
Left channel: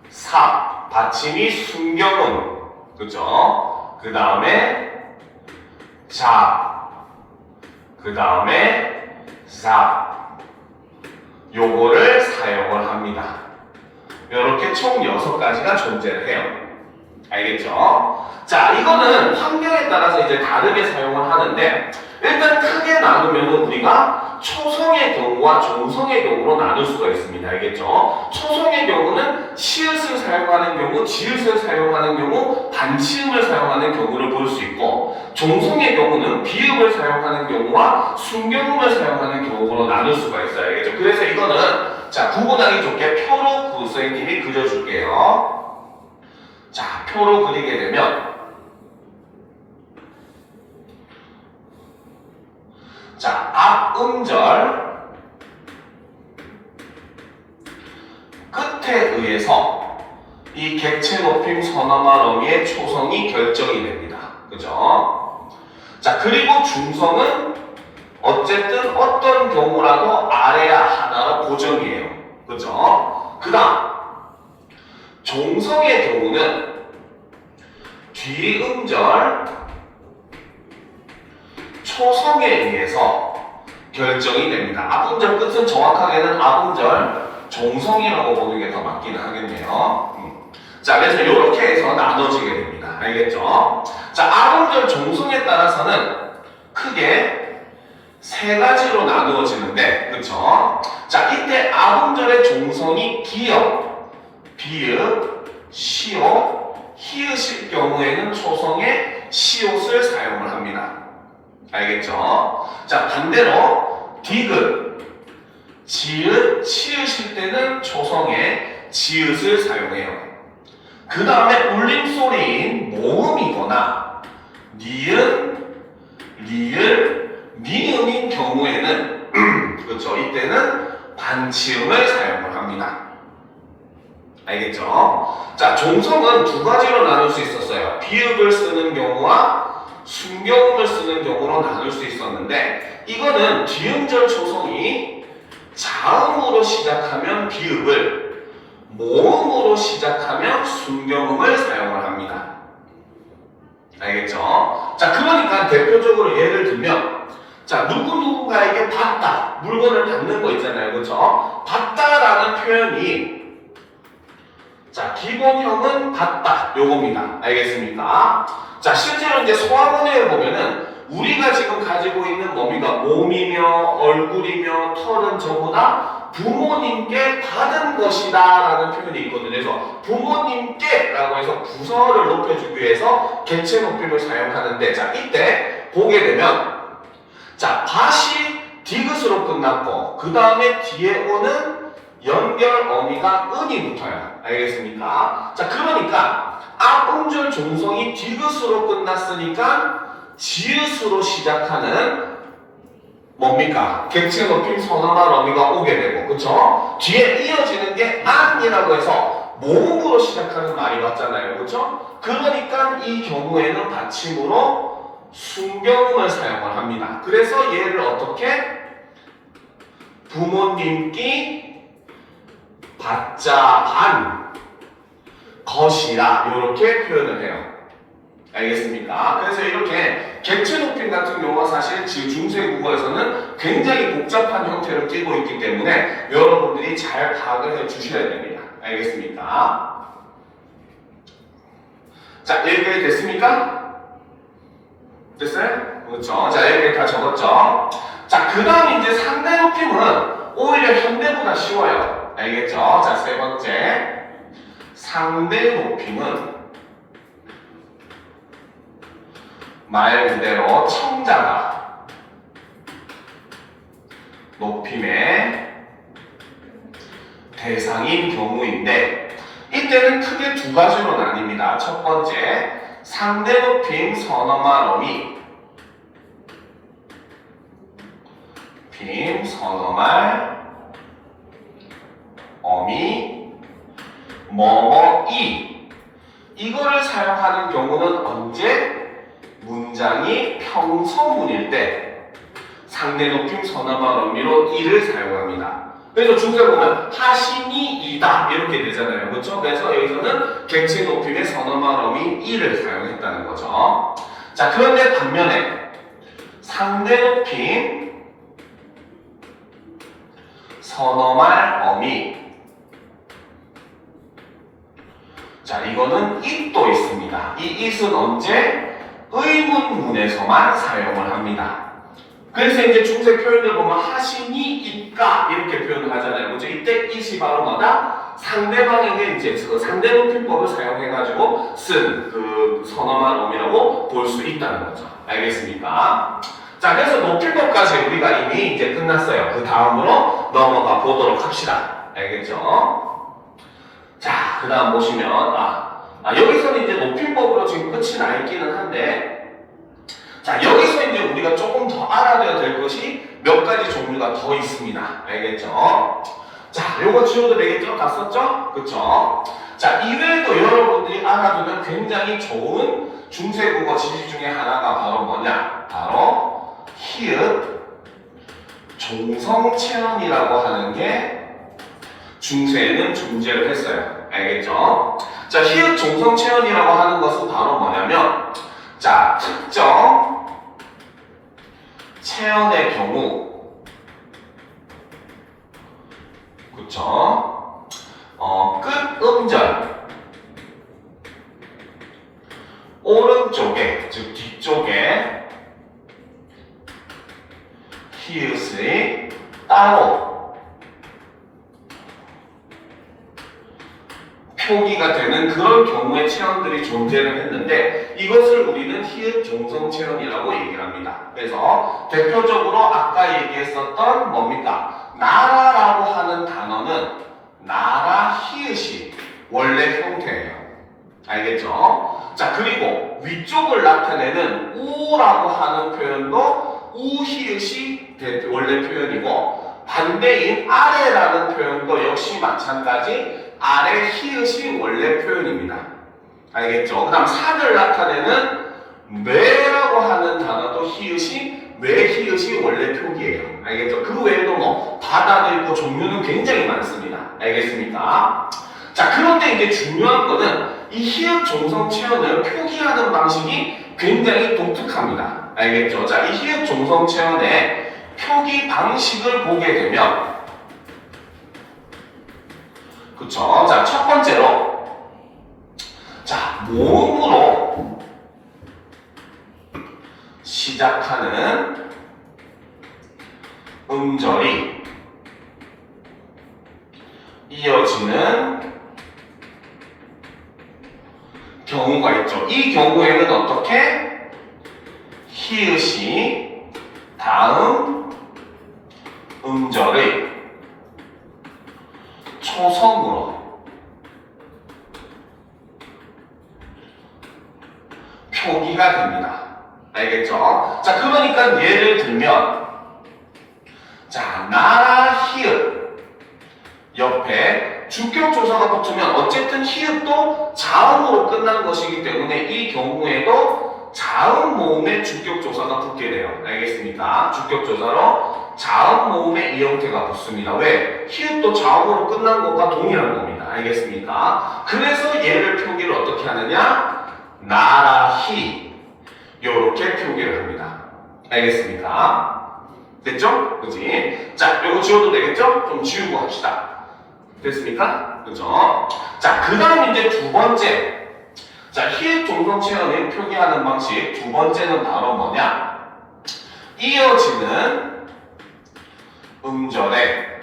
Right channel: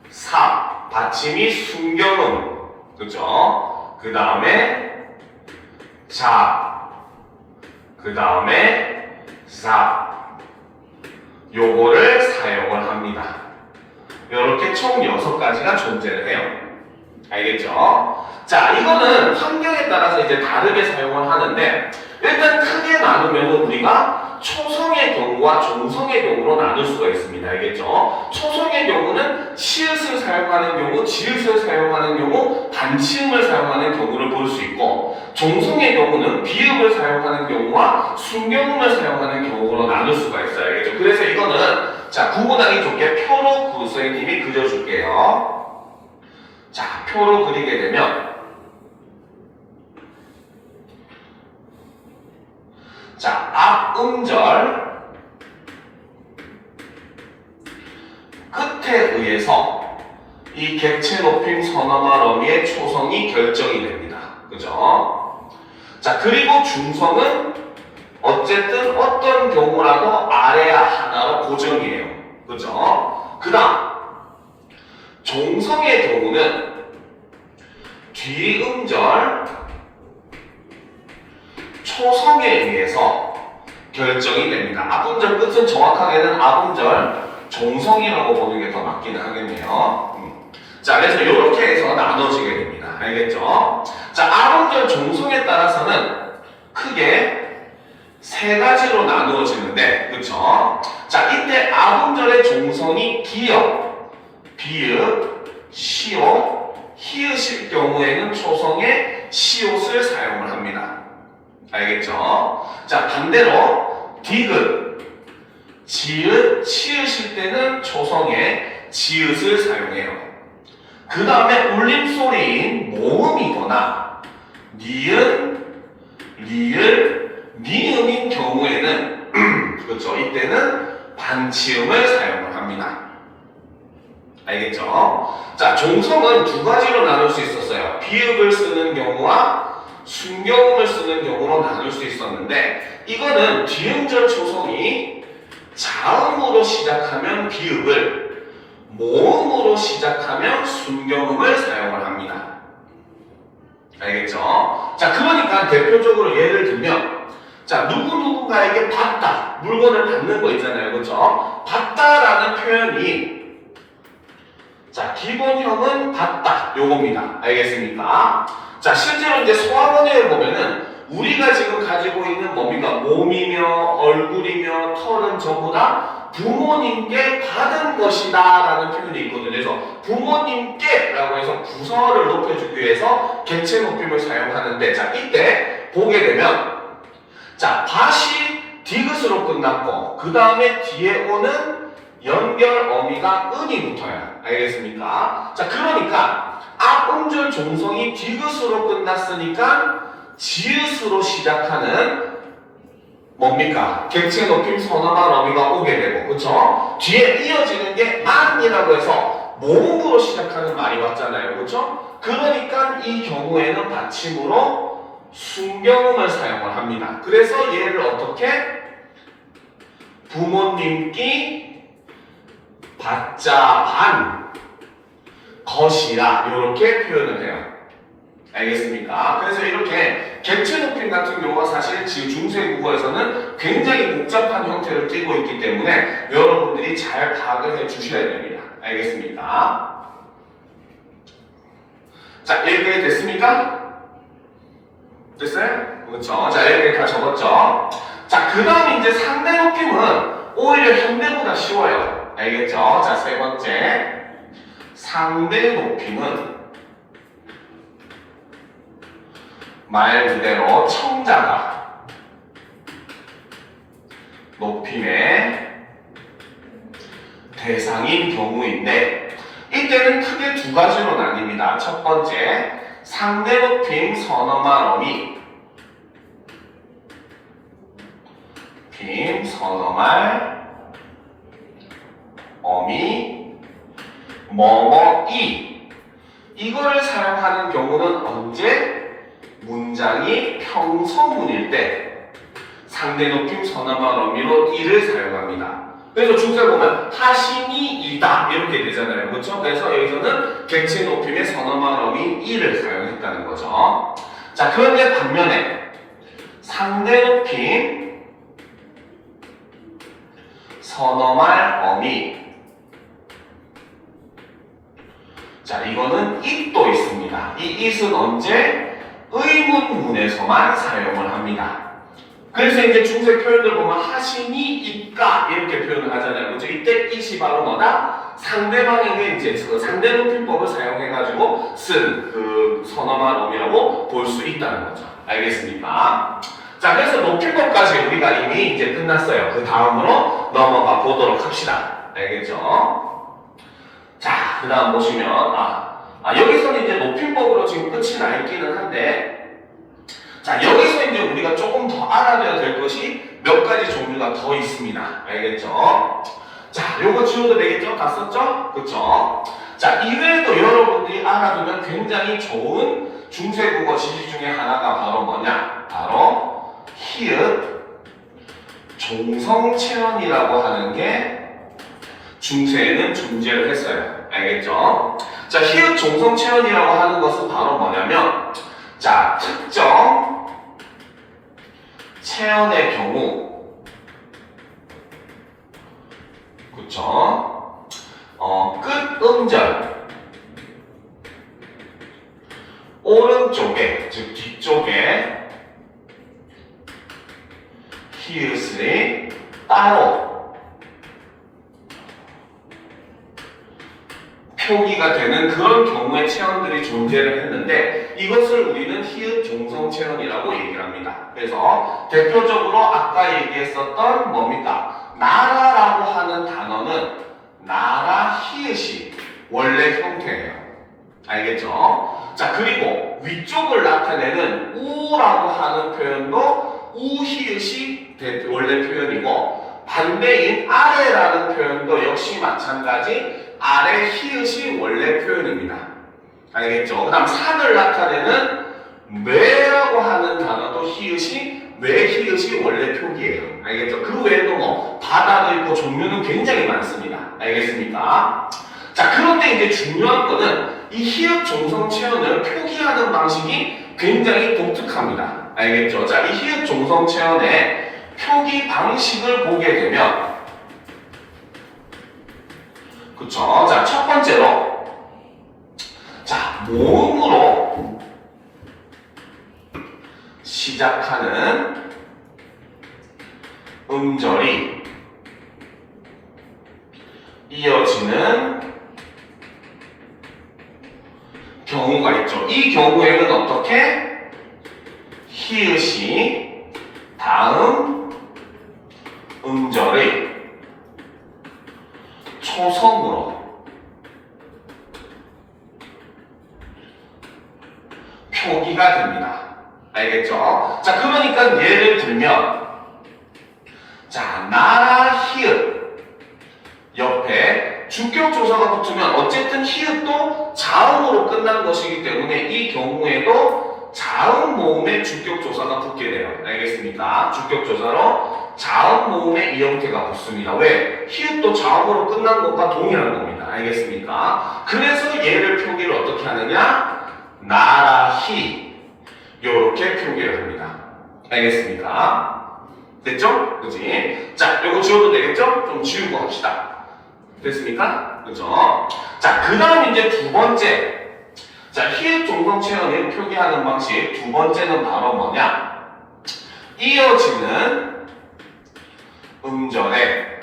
삽, 받침이 순경음. 그쵸? 그 다음에 잡, 그 다음에 잡. 요거를 사용을 합니다. 이렇게 총 6가지가 존재를 해요. 알겠죠? 자, 이거는 환경에 따라서 이제 다르게 사용을 하는데 일단 크게 나누면 우리가 초성의 경우와 종성의 경우로 나눌 수가 있습니다. 알겠죠? 초성의 경우는 시읒을 사용하는 경우, 지읒을 사용하는 경우, 반치음을 사용하는 경우를 볼 수 있고 종성의 경우는 비읍을 사용하는 경우와 순경음을 사용하는 경우로 나눌 수가 있어요. 알겠죠? 그래서 이거는 자, 구분하기 좋게 표로 선생님이 그려줄게요. 자, 표로 그리게 되면 자, 앞 음절 끝에 의해서 이 객체 높임 선어말 어미의 초성이 결정이 됩니다. 그죠? 자, 그리고 중성은 어쨌든 어떤 경우라도 아래야 하나로 고정이에요. 그죠? 그 다음 종성의 경우는 뒤음절 초성에 의해서 결정이 됩니다. 앞음절 끝은 정확하게는 앞음절 종성이라고 보는 게 더 맞긴 하겠네요. 자, 그래서 이렇게 해서 나눠지게 됩니다. 알겠죠? 자, 앞음절 종성에 따라서는 크게 3가지로 나누어지는데, 그쵸? 자, 이때 앞음절의 종성이 기역, 비읍, 시옷, 히읗일 경우에는 초성에 시옷을 사용을 합니다. 알겠죠? 자, 반대로 디귿, 지읒, 치읒일 때는 초성에 지읒을 사용해요. 그 다음에 울림소리인 모음이거나 니은, 리을, 미음인 경우에는 그렇죠? 이때는 반치음을 사용을 합니다. 알겠죠? 자, 종성은 2가지로 나눌 수 있었어요. 비읍을 쓰는 경우와 순경음을 쓰는 경우로 나눌 수 있었는데 이거는 뒤음절 초성이 자음으로 시작하면 비읍을, 모음으로 시작하면 순경음을 사용을 합니다. 알겠죠? 자, 그러니까 대표적으로 예를 들면 자, 누구누군가에게 받다, 물건을 받는 거 있잖아요. 그렇죠? 받다라는 표현이 자, 기본형은 받다 요겁니다. 알겠습니까? 자, 실제로 이제 소화문에 보면은 우리가 지금 가지고 있는 몸이가 몸이며 얼굴이며 털은 전부 다 부모님께 받은 것이다 라는 표현이 있거든요. 그래서 부모님께 라고 해서 부서를 높여주기 위해서 객체 높임을 사용하는데, 자, 이때 보게 되면, 자, 밭이 디귿으로 끝났고, 그 다음에 뒤에 오는 연결 어미가 은이 붙어요. 알겠습니까? 자, 그러니까 앞 음절 종성이 디귿으로 끝났으니까 지읒으로 시작하는 뭡니까? 객체 높임 선어말 어미가 오게 되고, 그쵸? 뒤에 이어지는 게 안이라고 해서 모음으로 시작하는 말이 왔잖아요. 그쵸? 그러니까 이 경우에는 받침으로 순경음을 사용을 합니다. 그래서 얘를 어떻게? 부모님께 받자 반 것이라 이렇게 표현을 해요. 알겠습니까? 그래서 이렇게 객체 높임 같은 경우가 사실 지금 중세국어에서는 굉장히 복잡한 형태를 띠고 있기 때문에 여러분들이 잘 파악을 해 주셔야 됩니다. 알겠습니까? 자, 여기까지 됐습니까? 됐어요? 그렇죠? 자, 여기까지 다 적었죠? 자, 그 다음 이제 상대 높임은 오히려 현대보다 쉬워요. 알겠죠? 자, 세 번째. 상대 높임은 말 그대로 청자가 높임의 대상인 경우인데, 이때는 크게 두 가지로 나뉩니다. 첫 번째, 상대 높임 선어말 어미, 선어말 어미 뭐뭐이, 이걸 사용하는 경우는 언제? 문장이 평서문일 때 상대 높임 선어말 어미로 이를 사용합니다. 그래서 중세 보면 하심이 이다 이렇게 되잖아요. 그렇죠? 그래서 여기서는 객체 높임의 선어말 어미 이를 사용했다는 거죠. 자, 그런데 반면에 상대 높임 선어말 어미, 자, 이거는 it도 있습니다. 이 it은 언제? 의문문에서만 사용을 합니다. 그래서 이제 중세 표현들 보면 하심이 있까 이렇게 표현을 하잖아요. 그렇죠? 이때 it이 바로 뭐다? 상대방에게 이제 그 상대 높임법을 사용해가지고 쓴 그 선어말 어미라고 볼 수 있다는 거죠. 알겠습니까? 자, 그래서 높임법까지 우리가 이미 이제 끝났어요. 그 다음으로 넘어가 보도록 합시다. 알겠죠? 자, 그 다음 보시면, 여기서는 이제 높임법으로 지금 끝이 나 있기는 한데, 자, 여기서 이제 우리가 조금 더 알아둬야 될 것이 몇 가지 종류가 더 있습니다. 알겠죠? 자, 요거 지워도 되겠죠? 다 썼죠? 그쵸? 자, 이외에도 여러분들이 알아두면 굉장히 좋은 중세국어 지식 중에 하나가 바로 뭐냐? 바로 히읗 종성체언이라고 하는 게 중세에는 존재를 했어요. 알겠죠? 자, 히읗 종성체언이라고 하는 것은 바로 뭐냐면, 자, 특정 체언의 경우, 그쵸? 끝 음절 오른쪽에, 즉 뒤쪽에 히읗이 따로 표기가 되는 그런 경우의 체언들이 존재를 했는데, 이것을 우리는 히읗 종성 체언이라고 얘기를 합니다. 그래서 대표적으로 아까 얘기했었던 뭡니까? 나라라고 하는 단어는 나라 히읗이 원래 형태예요. 알겠죠? 자, 그리고 위쪽을 나타내는 우라고 하는 표현도 우 히읗이 원래 표현이고, 반대인 아래라는 표현도 역시 마찬가지 아래 히읗이 원래 표현입니다. 알겠죠? 그 다음 산을 나타내는 뇌라고 하는 단어도 히읗이 뇌 히읗이 원래 표기예요. 알겠죠? 그 외에도 뭐 바다도 있고 종류는 굉장히 많습니다. 알겠습니까? 자, 그런데 이제 중요한 거는 이 히읗 종성 체언을 표기하는 방식이 굉장히 독특합니다. 알겠죠? 자, 이 히읗 종성 체언의 표기 방식을 보게 되면, 그쵸? 자, 첫 번째로, 자, 모음으로 시작하는 음절이 이어지는 경우가 있죠. 이 경우에는 어떻게? 히읗이 다음 음절의 초성으로 표기가 됩니다. 알겠죠? 자, 그러니까 예를 들면, 자, 나라 히읗 옆에 주격조사가 붙으면 어쨌든 히읗도 자음으로 끝난 것이기 때문에 이 경우에도 자음 모음에 주격조사가 붙게 돼요. 알겠습니까? 주격조사로 자음 모음에 이 형태가 붙습니다. 왜? 히읗도 자음으로 끝난 것과 동일한 겁니다. 알겠습니까? 그래서 얘를 표기를 어떻게 하느냐? 나라히 요렇게 표기를 합니다. 알겠습니까? 됐죠? 그치? 자, 요거 지워도 되겠죠? 좀 지우고 합시다. 됐습니까? 그죠? 자, 그 다음 이제 두 번째. 자, 히읗 종성 체언을 표기하는 방식 두 번째는 바로 뭐냐? 이어지는 음절의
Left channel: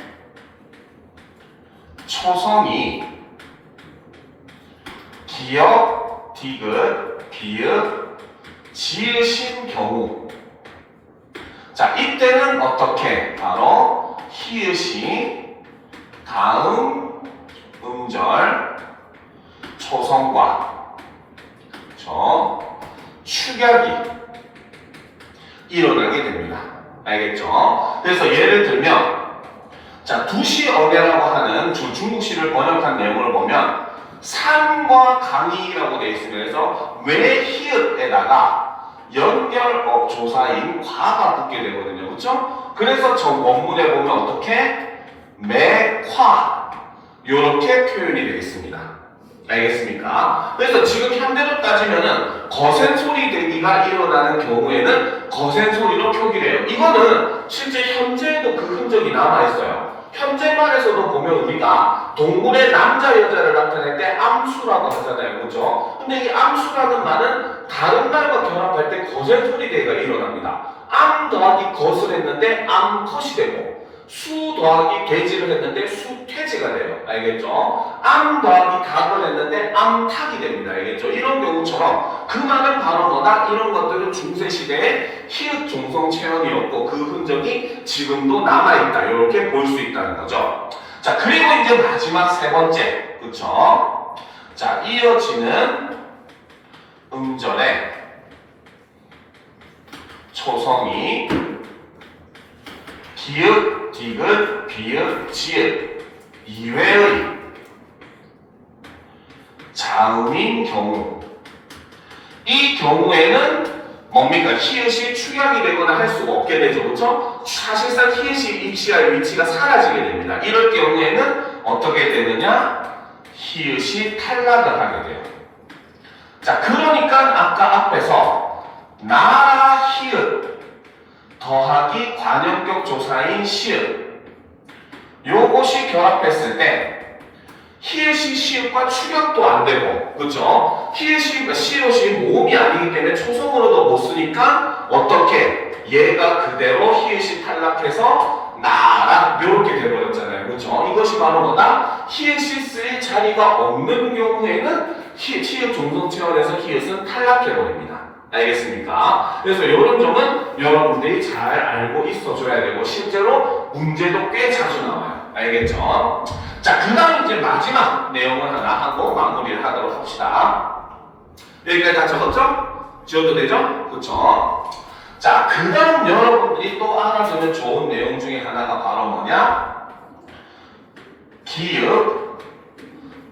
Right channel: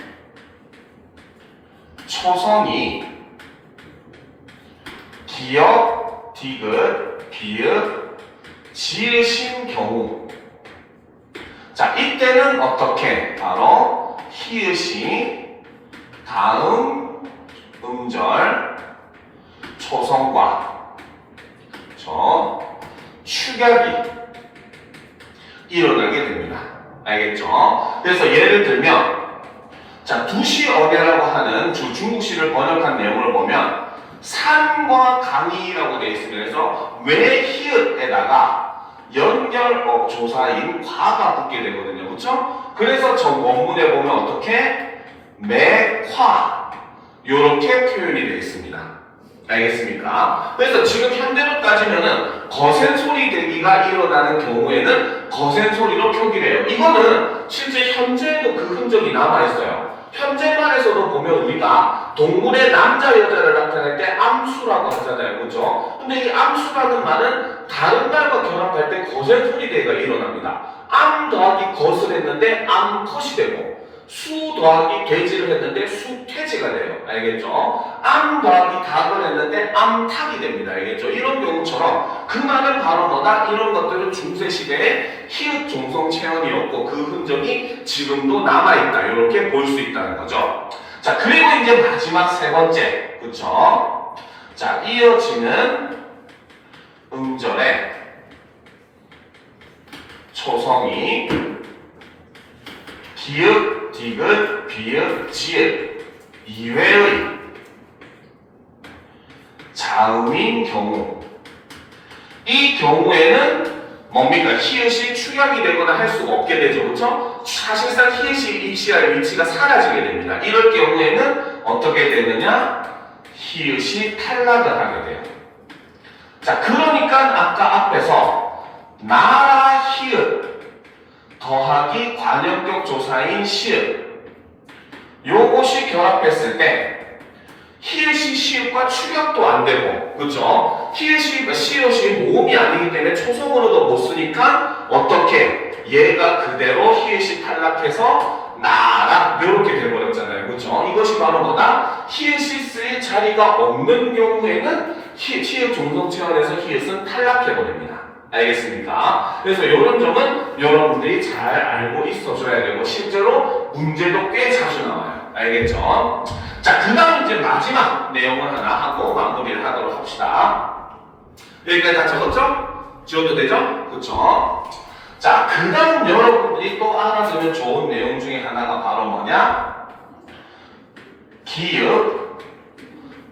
초성이 기역, 디귿, 비읍, 지으신 경우. 자, 이때는 어떻게? 바로 히읗이 다음 음절 초성과 축약이 일어나게 됩니다. 알겠죠? 그래서 예를 들면, 자, 두시어뢰라고 하는 중국시를 번역한 내용을 보면 산과 강이라고 되어 있습니다. 그래서 왜 히읗에다가 연결어 조사인 과가 붙게 되거든요. 그렇죠? 그래서 저 원문에 보면 어떻게? 매화 이렇게 표현이 되어 있습니다. 알겠습니까? 그래서 지금 현대로 따지면은 거센 소리 대기가 일어나는 경우에는 거센 소리로 표기해요. 이거는 실제 현재에도 그 흔적이 남아있어요. 현재말에서도 보면 우리가 동물의 남자 여자를 나타낼 때 암수라고 하잖아요. 그죠? 근데 이 암수라는 말은 다른 말과 결합할 때 거센 소리 대기가 일어납니다. 암 더하기 것을 했는데 암컷이 되고 수 더하기 돼지를 했는데 수퇴지가 돼요. 알겠죠? 암 더하기 닭을 했는데 암탉이 됩니다. 알겠죠? 이런 경우처럼 그 말은 바로 뭐다? 이런 것들은 중세시대에 히읗 종성 체험이었고 그 흔적이 지금도 남아있다. 이렇게 볼 수 있다는 거죠. 자, 그리고 이제 마지막 세 번째. 그쵸? 자, 이어지는 음절의 초성이 기읍, 디귿, 비읍, 지읒 이외의 자음인 경우. 이 경우에는 뭡니까? 히읗이 축약이 되거나 할 수가 없게 되죠. 그렇죠? 사실상 히읗이 위치할 위치가 사라지게 됩니다. 이럴 경우에는 어떻게 되느냐? 히읗이 탈락을 하게 돼요. 자, 그러니까 아까 앞에서 나라 히읗 더하기 관형격 조사인 시읒 요것이 결합했을 때 히읗이 시읒과 축약도 안 되고, 그렇죠? 히읗이 시읒이 모음이 아니기 때문에 초성으로도 못 쓰니까 어떻게? 얘가 그대로 히읗이 탈락해서 나라 이렇게 돼버렸잖아요. 그렇죠? 이것이 바로 뭐다? 히읗이 쓸 자리가 없는 경우에는 히읗 종성 체원에서 히읗은 탈락해버립니다. 알겠습니까? 그래서 이런 점은 여러분들이 잘 알고 있어줘야 되고 실제로 문제도 꽤 자주 나와요. 알겠죠? 자, 그 다음 이제 마지막 내용을 하나 하고 마무리를 하도록 합시다. 여기까지 다 적었죠? 지워도 되죠? 그쵸? 자, 그 다음 여러분들이 또 알아주면 좋은 내용 중에 하나가 바로 뭐냐? 기읍,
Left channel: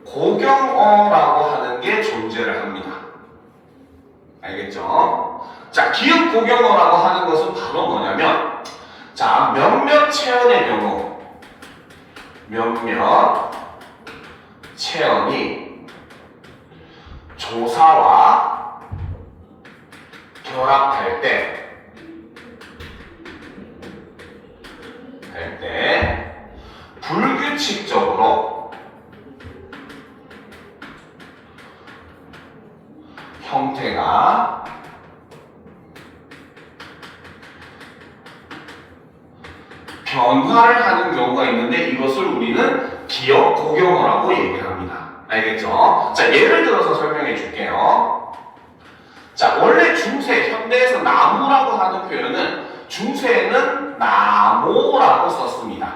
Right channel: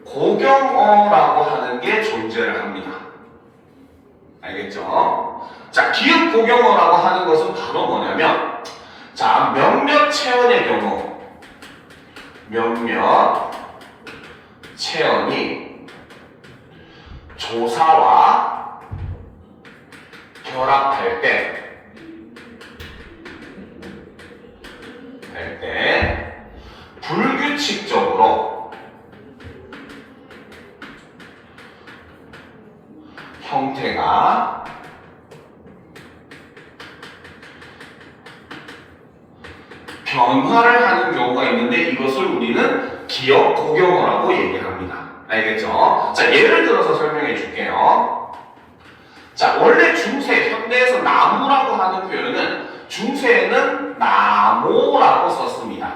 고경어라고 하는 게 존재를 합니다. 알겠죠? 자, 기읍 고경어라고 하는 것은 바로 뭐냐면, 자, 몇몇 체언의 경우, 몇몇 체언이 조사와 결합할 때, 불규칙적으로 형태가 변화를 하는 경우가 있는데 이것을 우리는 기억 고경어라고 얘기합니다. 알겠죠? 자, 예를 들어서 설명해 줄게요. 자, 원래 중세, 현대에서 나무라고 하는 표현은 중세에는 나모라고 썼습니다.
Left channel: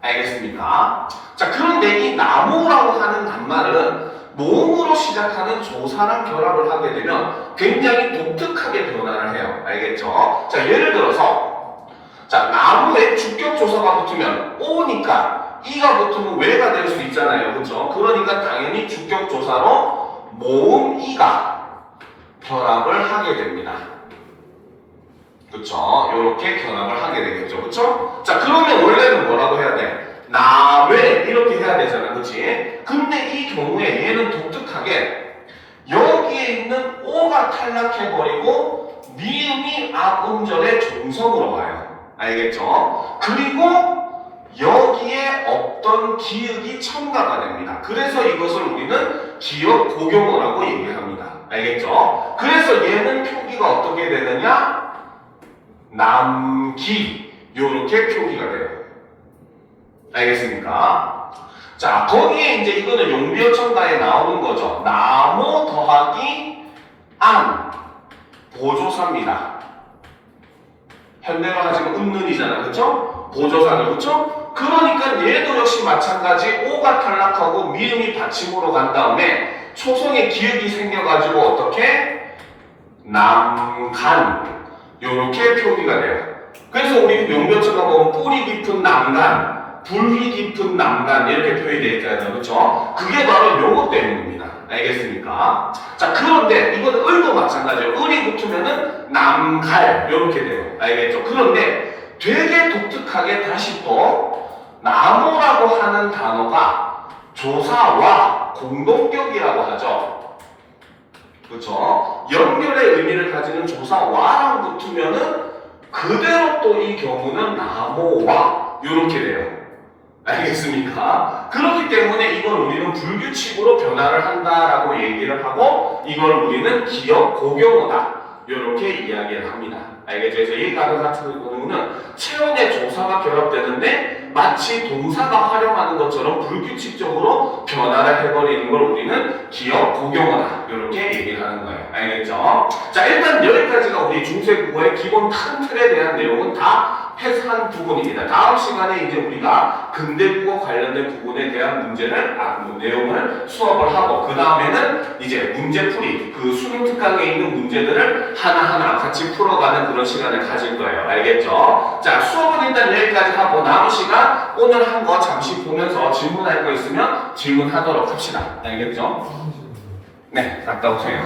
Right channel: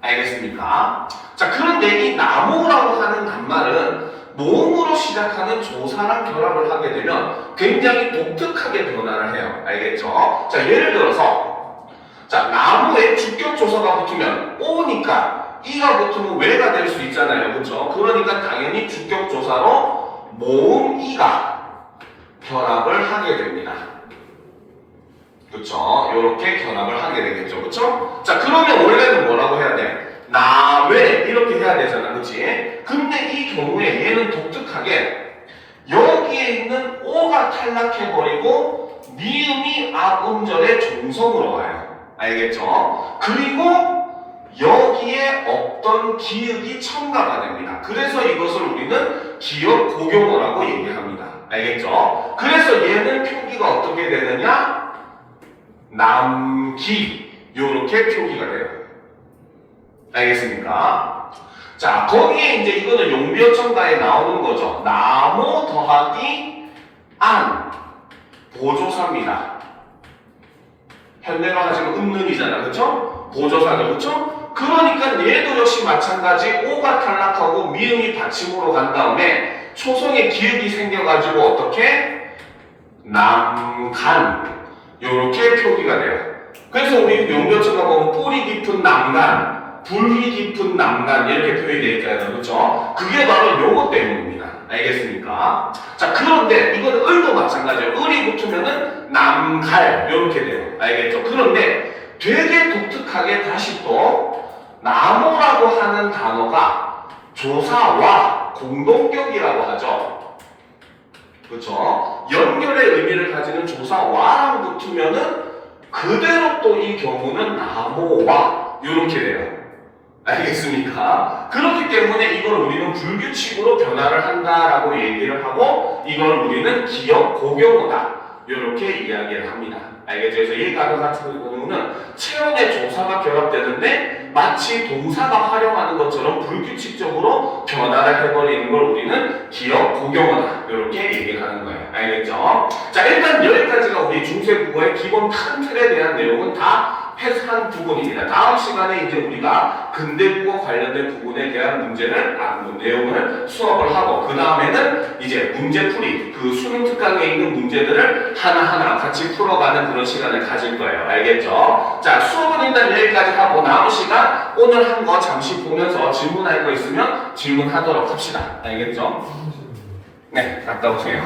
알겠습니까? 자, 그런데 이 나모라고 하는 단말은 모음으로 시작하는 조사랑 결합을 하게 되면 굉장히 독특하게 변화를 해요. 알겠죠? 자, 예를 들어서 자, 나무에 주격조사가 붙으면 오니까 이가 붙으면 왜가 될 수 있잖아요. 그렇죠? 그러니까 당연히 주격조사로 모음 이가 결합을 하게 됩니다. 그렇죠? 이렇게 결합을 하게 되겠죠. 그렇죠? 자, 그러면 원래는 뭐라고 해야 돼? 나외 이렇게 해야 되잖아. 그렇지? 근데 이 경우에 얘는 독특하게 여기에 있는 오가 탈락해버리고 니음이 앞음절의 종성으로 와요. 알겠죠? 그리고 여기에 없던 기역이 첨가가 됩니다. 그래서 이것을 우리는 기역 고경어라고 얘기합니다. 알겠죠? 그래서 얘는 표기가 어떻게 되느냐? 남기 요렇게 표기가 돼요. 알겠습니까? 자, 거기에 이제 이거는 용비어 첨가에 나오는 거죠. 나모 더하기 안 보조사입니다. 현대로 하자면 은는이잖아. 그쵸? 보조사죠. 그쵸? 그러니까 얘도 역시 마찬가지 오가 탈락하고 미음이 받침으로 간 다음에 초성에 기역이 생겨가지고 어떻게? 남간 요렇게 표기가 돼요. 그래서 우리 용변처가 보면 뿌리 깊은 남간 불이 깊은 남간 이렇게 표현이 되어 있잖아요. 그렇죠? 그게 바로 요것 때문입니다. 알겠습니까? 자, 그런데 이건 을도 마찬가지예요. 을이 붙으면은 남갈 이렇게 돼요. 알겠죠? 그런데 되게 독특하게 다시 또 나무라고 하는 단어가 조사와 공동격이라고 하죠. 그렇죠? 연결의 의미를 가지는 조사와랑 붙으면은 그대로 또 이 경우는 나무와 이렇게 돼요. 알겠습니까? 그렇기 때문에 이걸 우리는 불규칙으로 변화를 한다라고 얘기를 하고 이걸 우리는 기역 고경어다 이렇게 이야기를 합니다. 알겠죠? 그래서 이 단어 같은 경우는 체온의 조사가 결합되는데 마치 동사가 활용하는 것처럼 불규칙적으로 변화를 해버리는 걸 우리는 기역 고경어다 이렇게 얘기를 하는 거예요. 알겠죠? 자, 일단 여기까지가 우리 중세국어의 기본 큰 틀에 대한 내용은 다 해석한 부분입니다. 다음 시간에 이제 우리가 근대국어 관련된 부분에 대한 문제를, 내용을 수업을 하고, 그 다음에는 이제 문제풀이, 그 수능 특강에 있는 문제들을 하나하나 같이 풀어가는 그런 시간을 가질 거예요. 알겠죠? 자, 수업은 일단 여기까지 하고, 남은 시간 오늘 한 거 잠시 보면서 질문할 거 있으면 질문하도록 합시다. 알겠죠? 네, 갔다 오세요.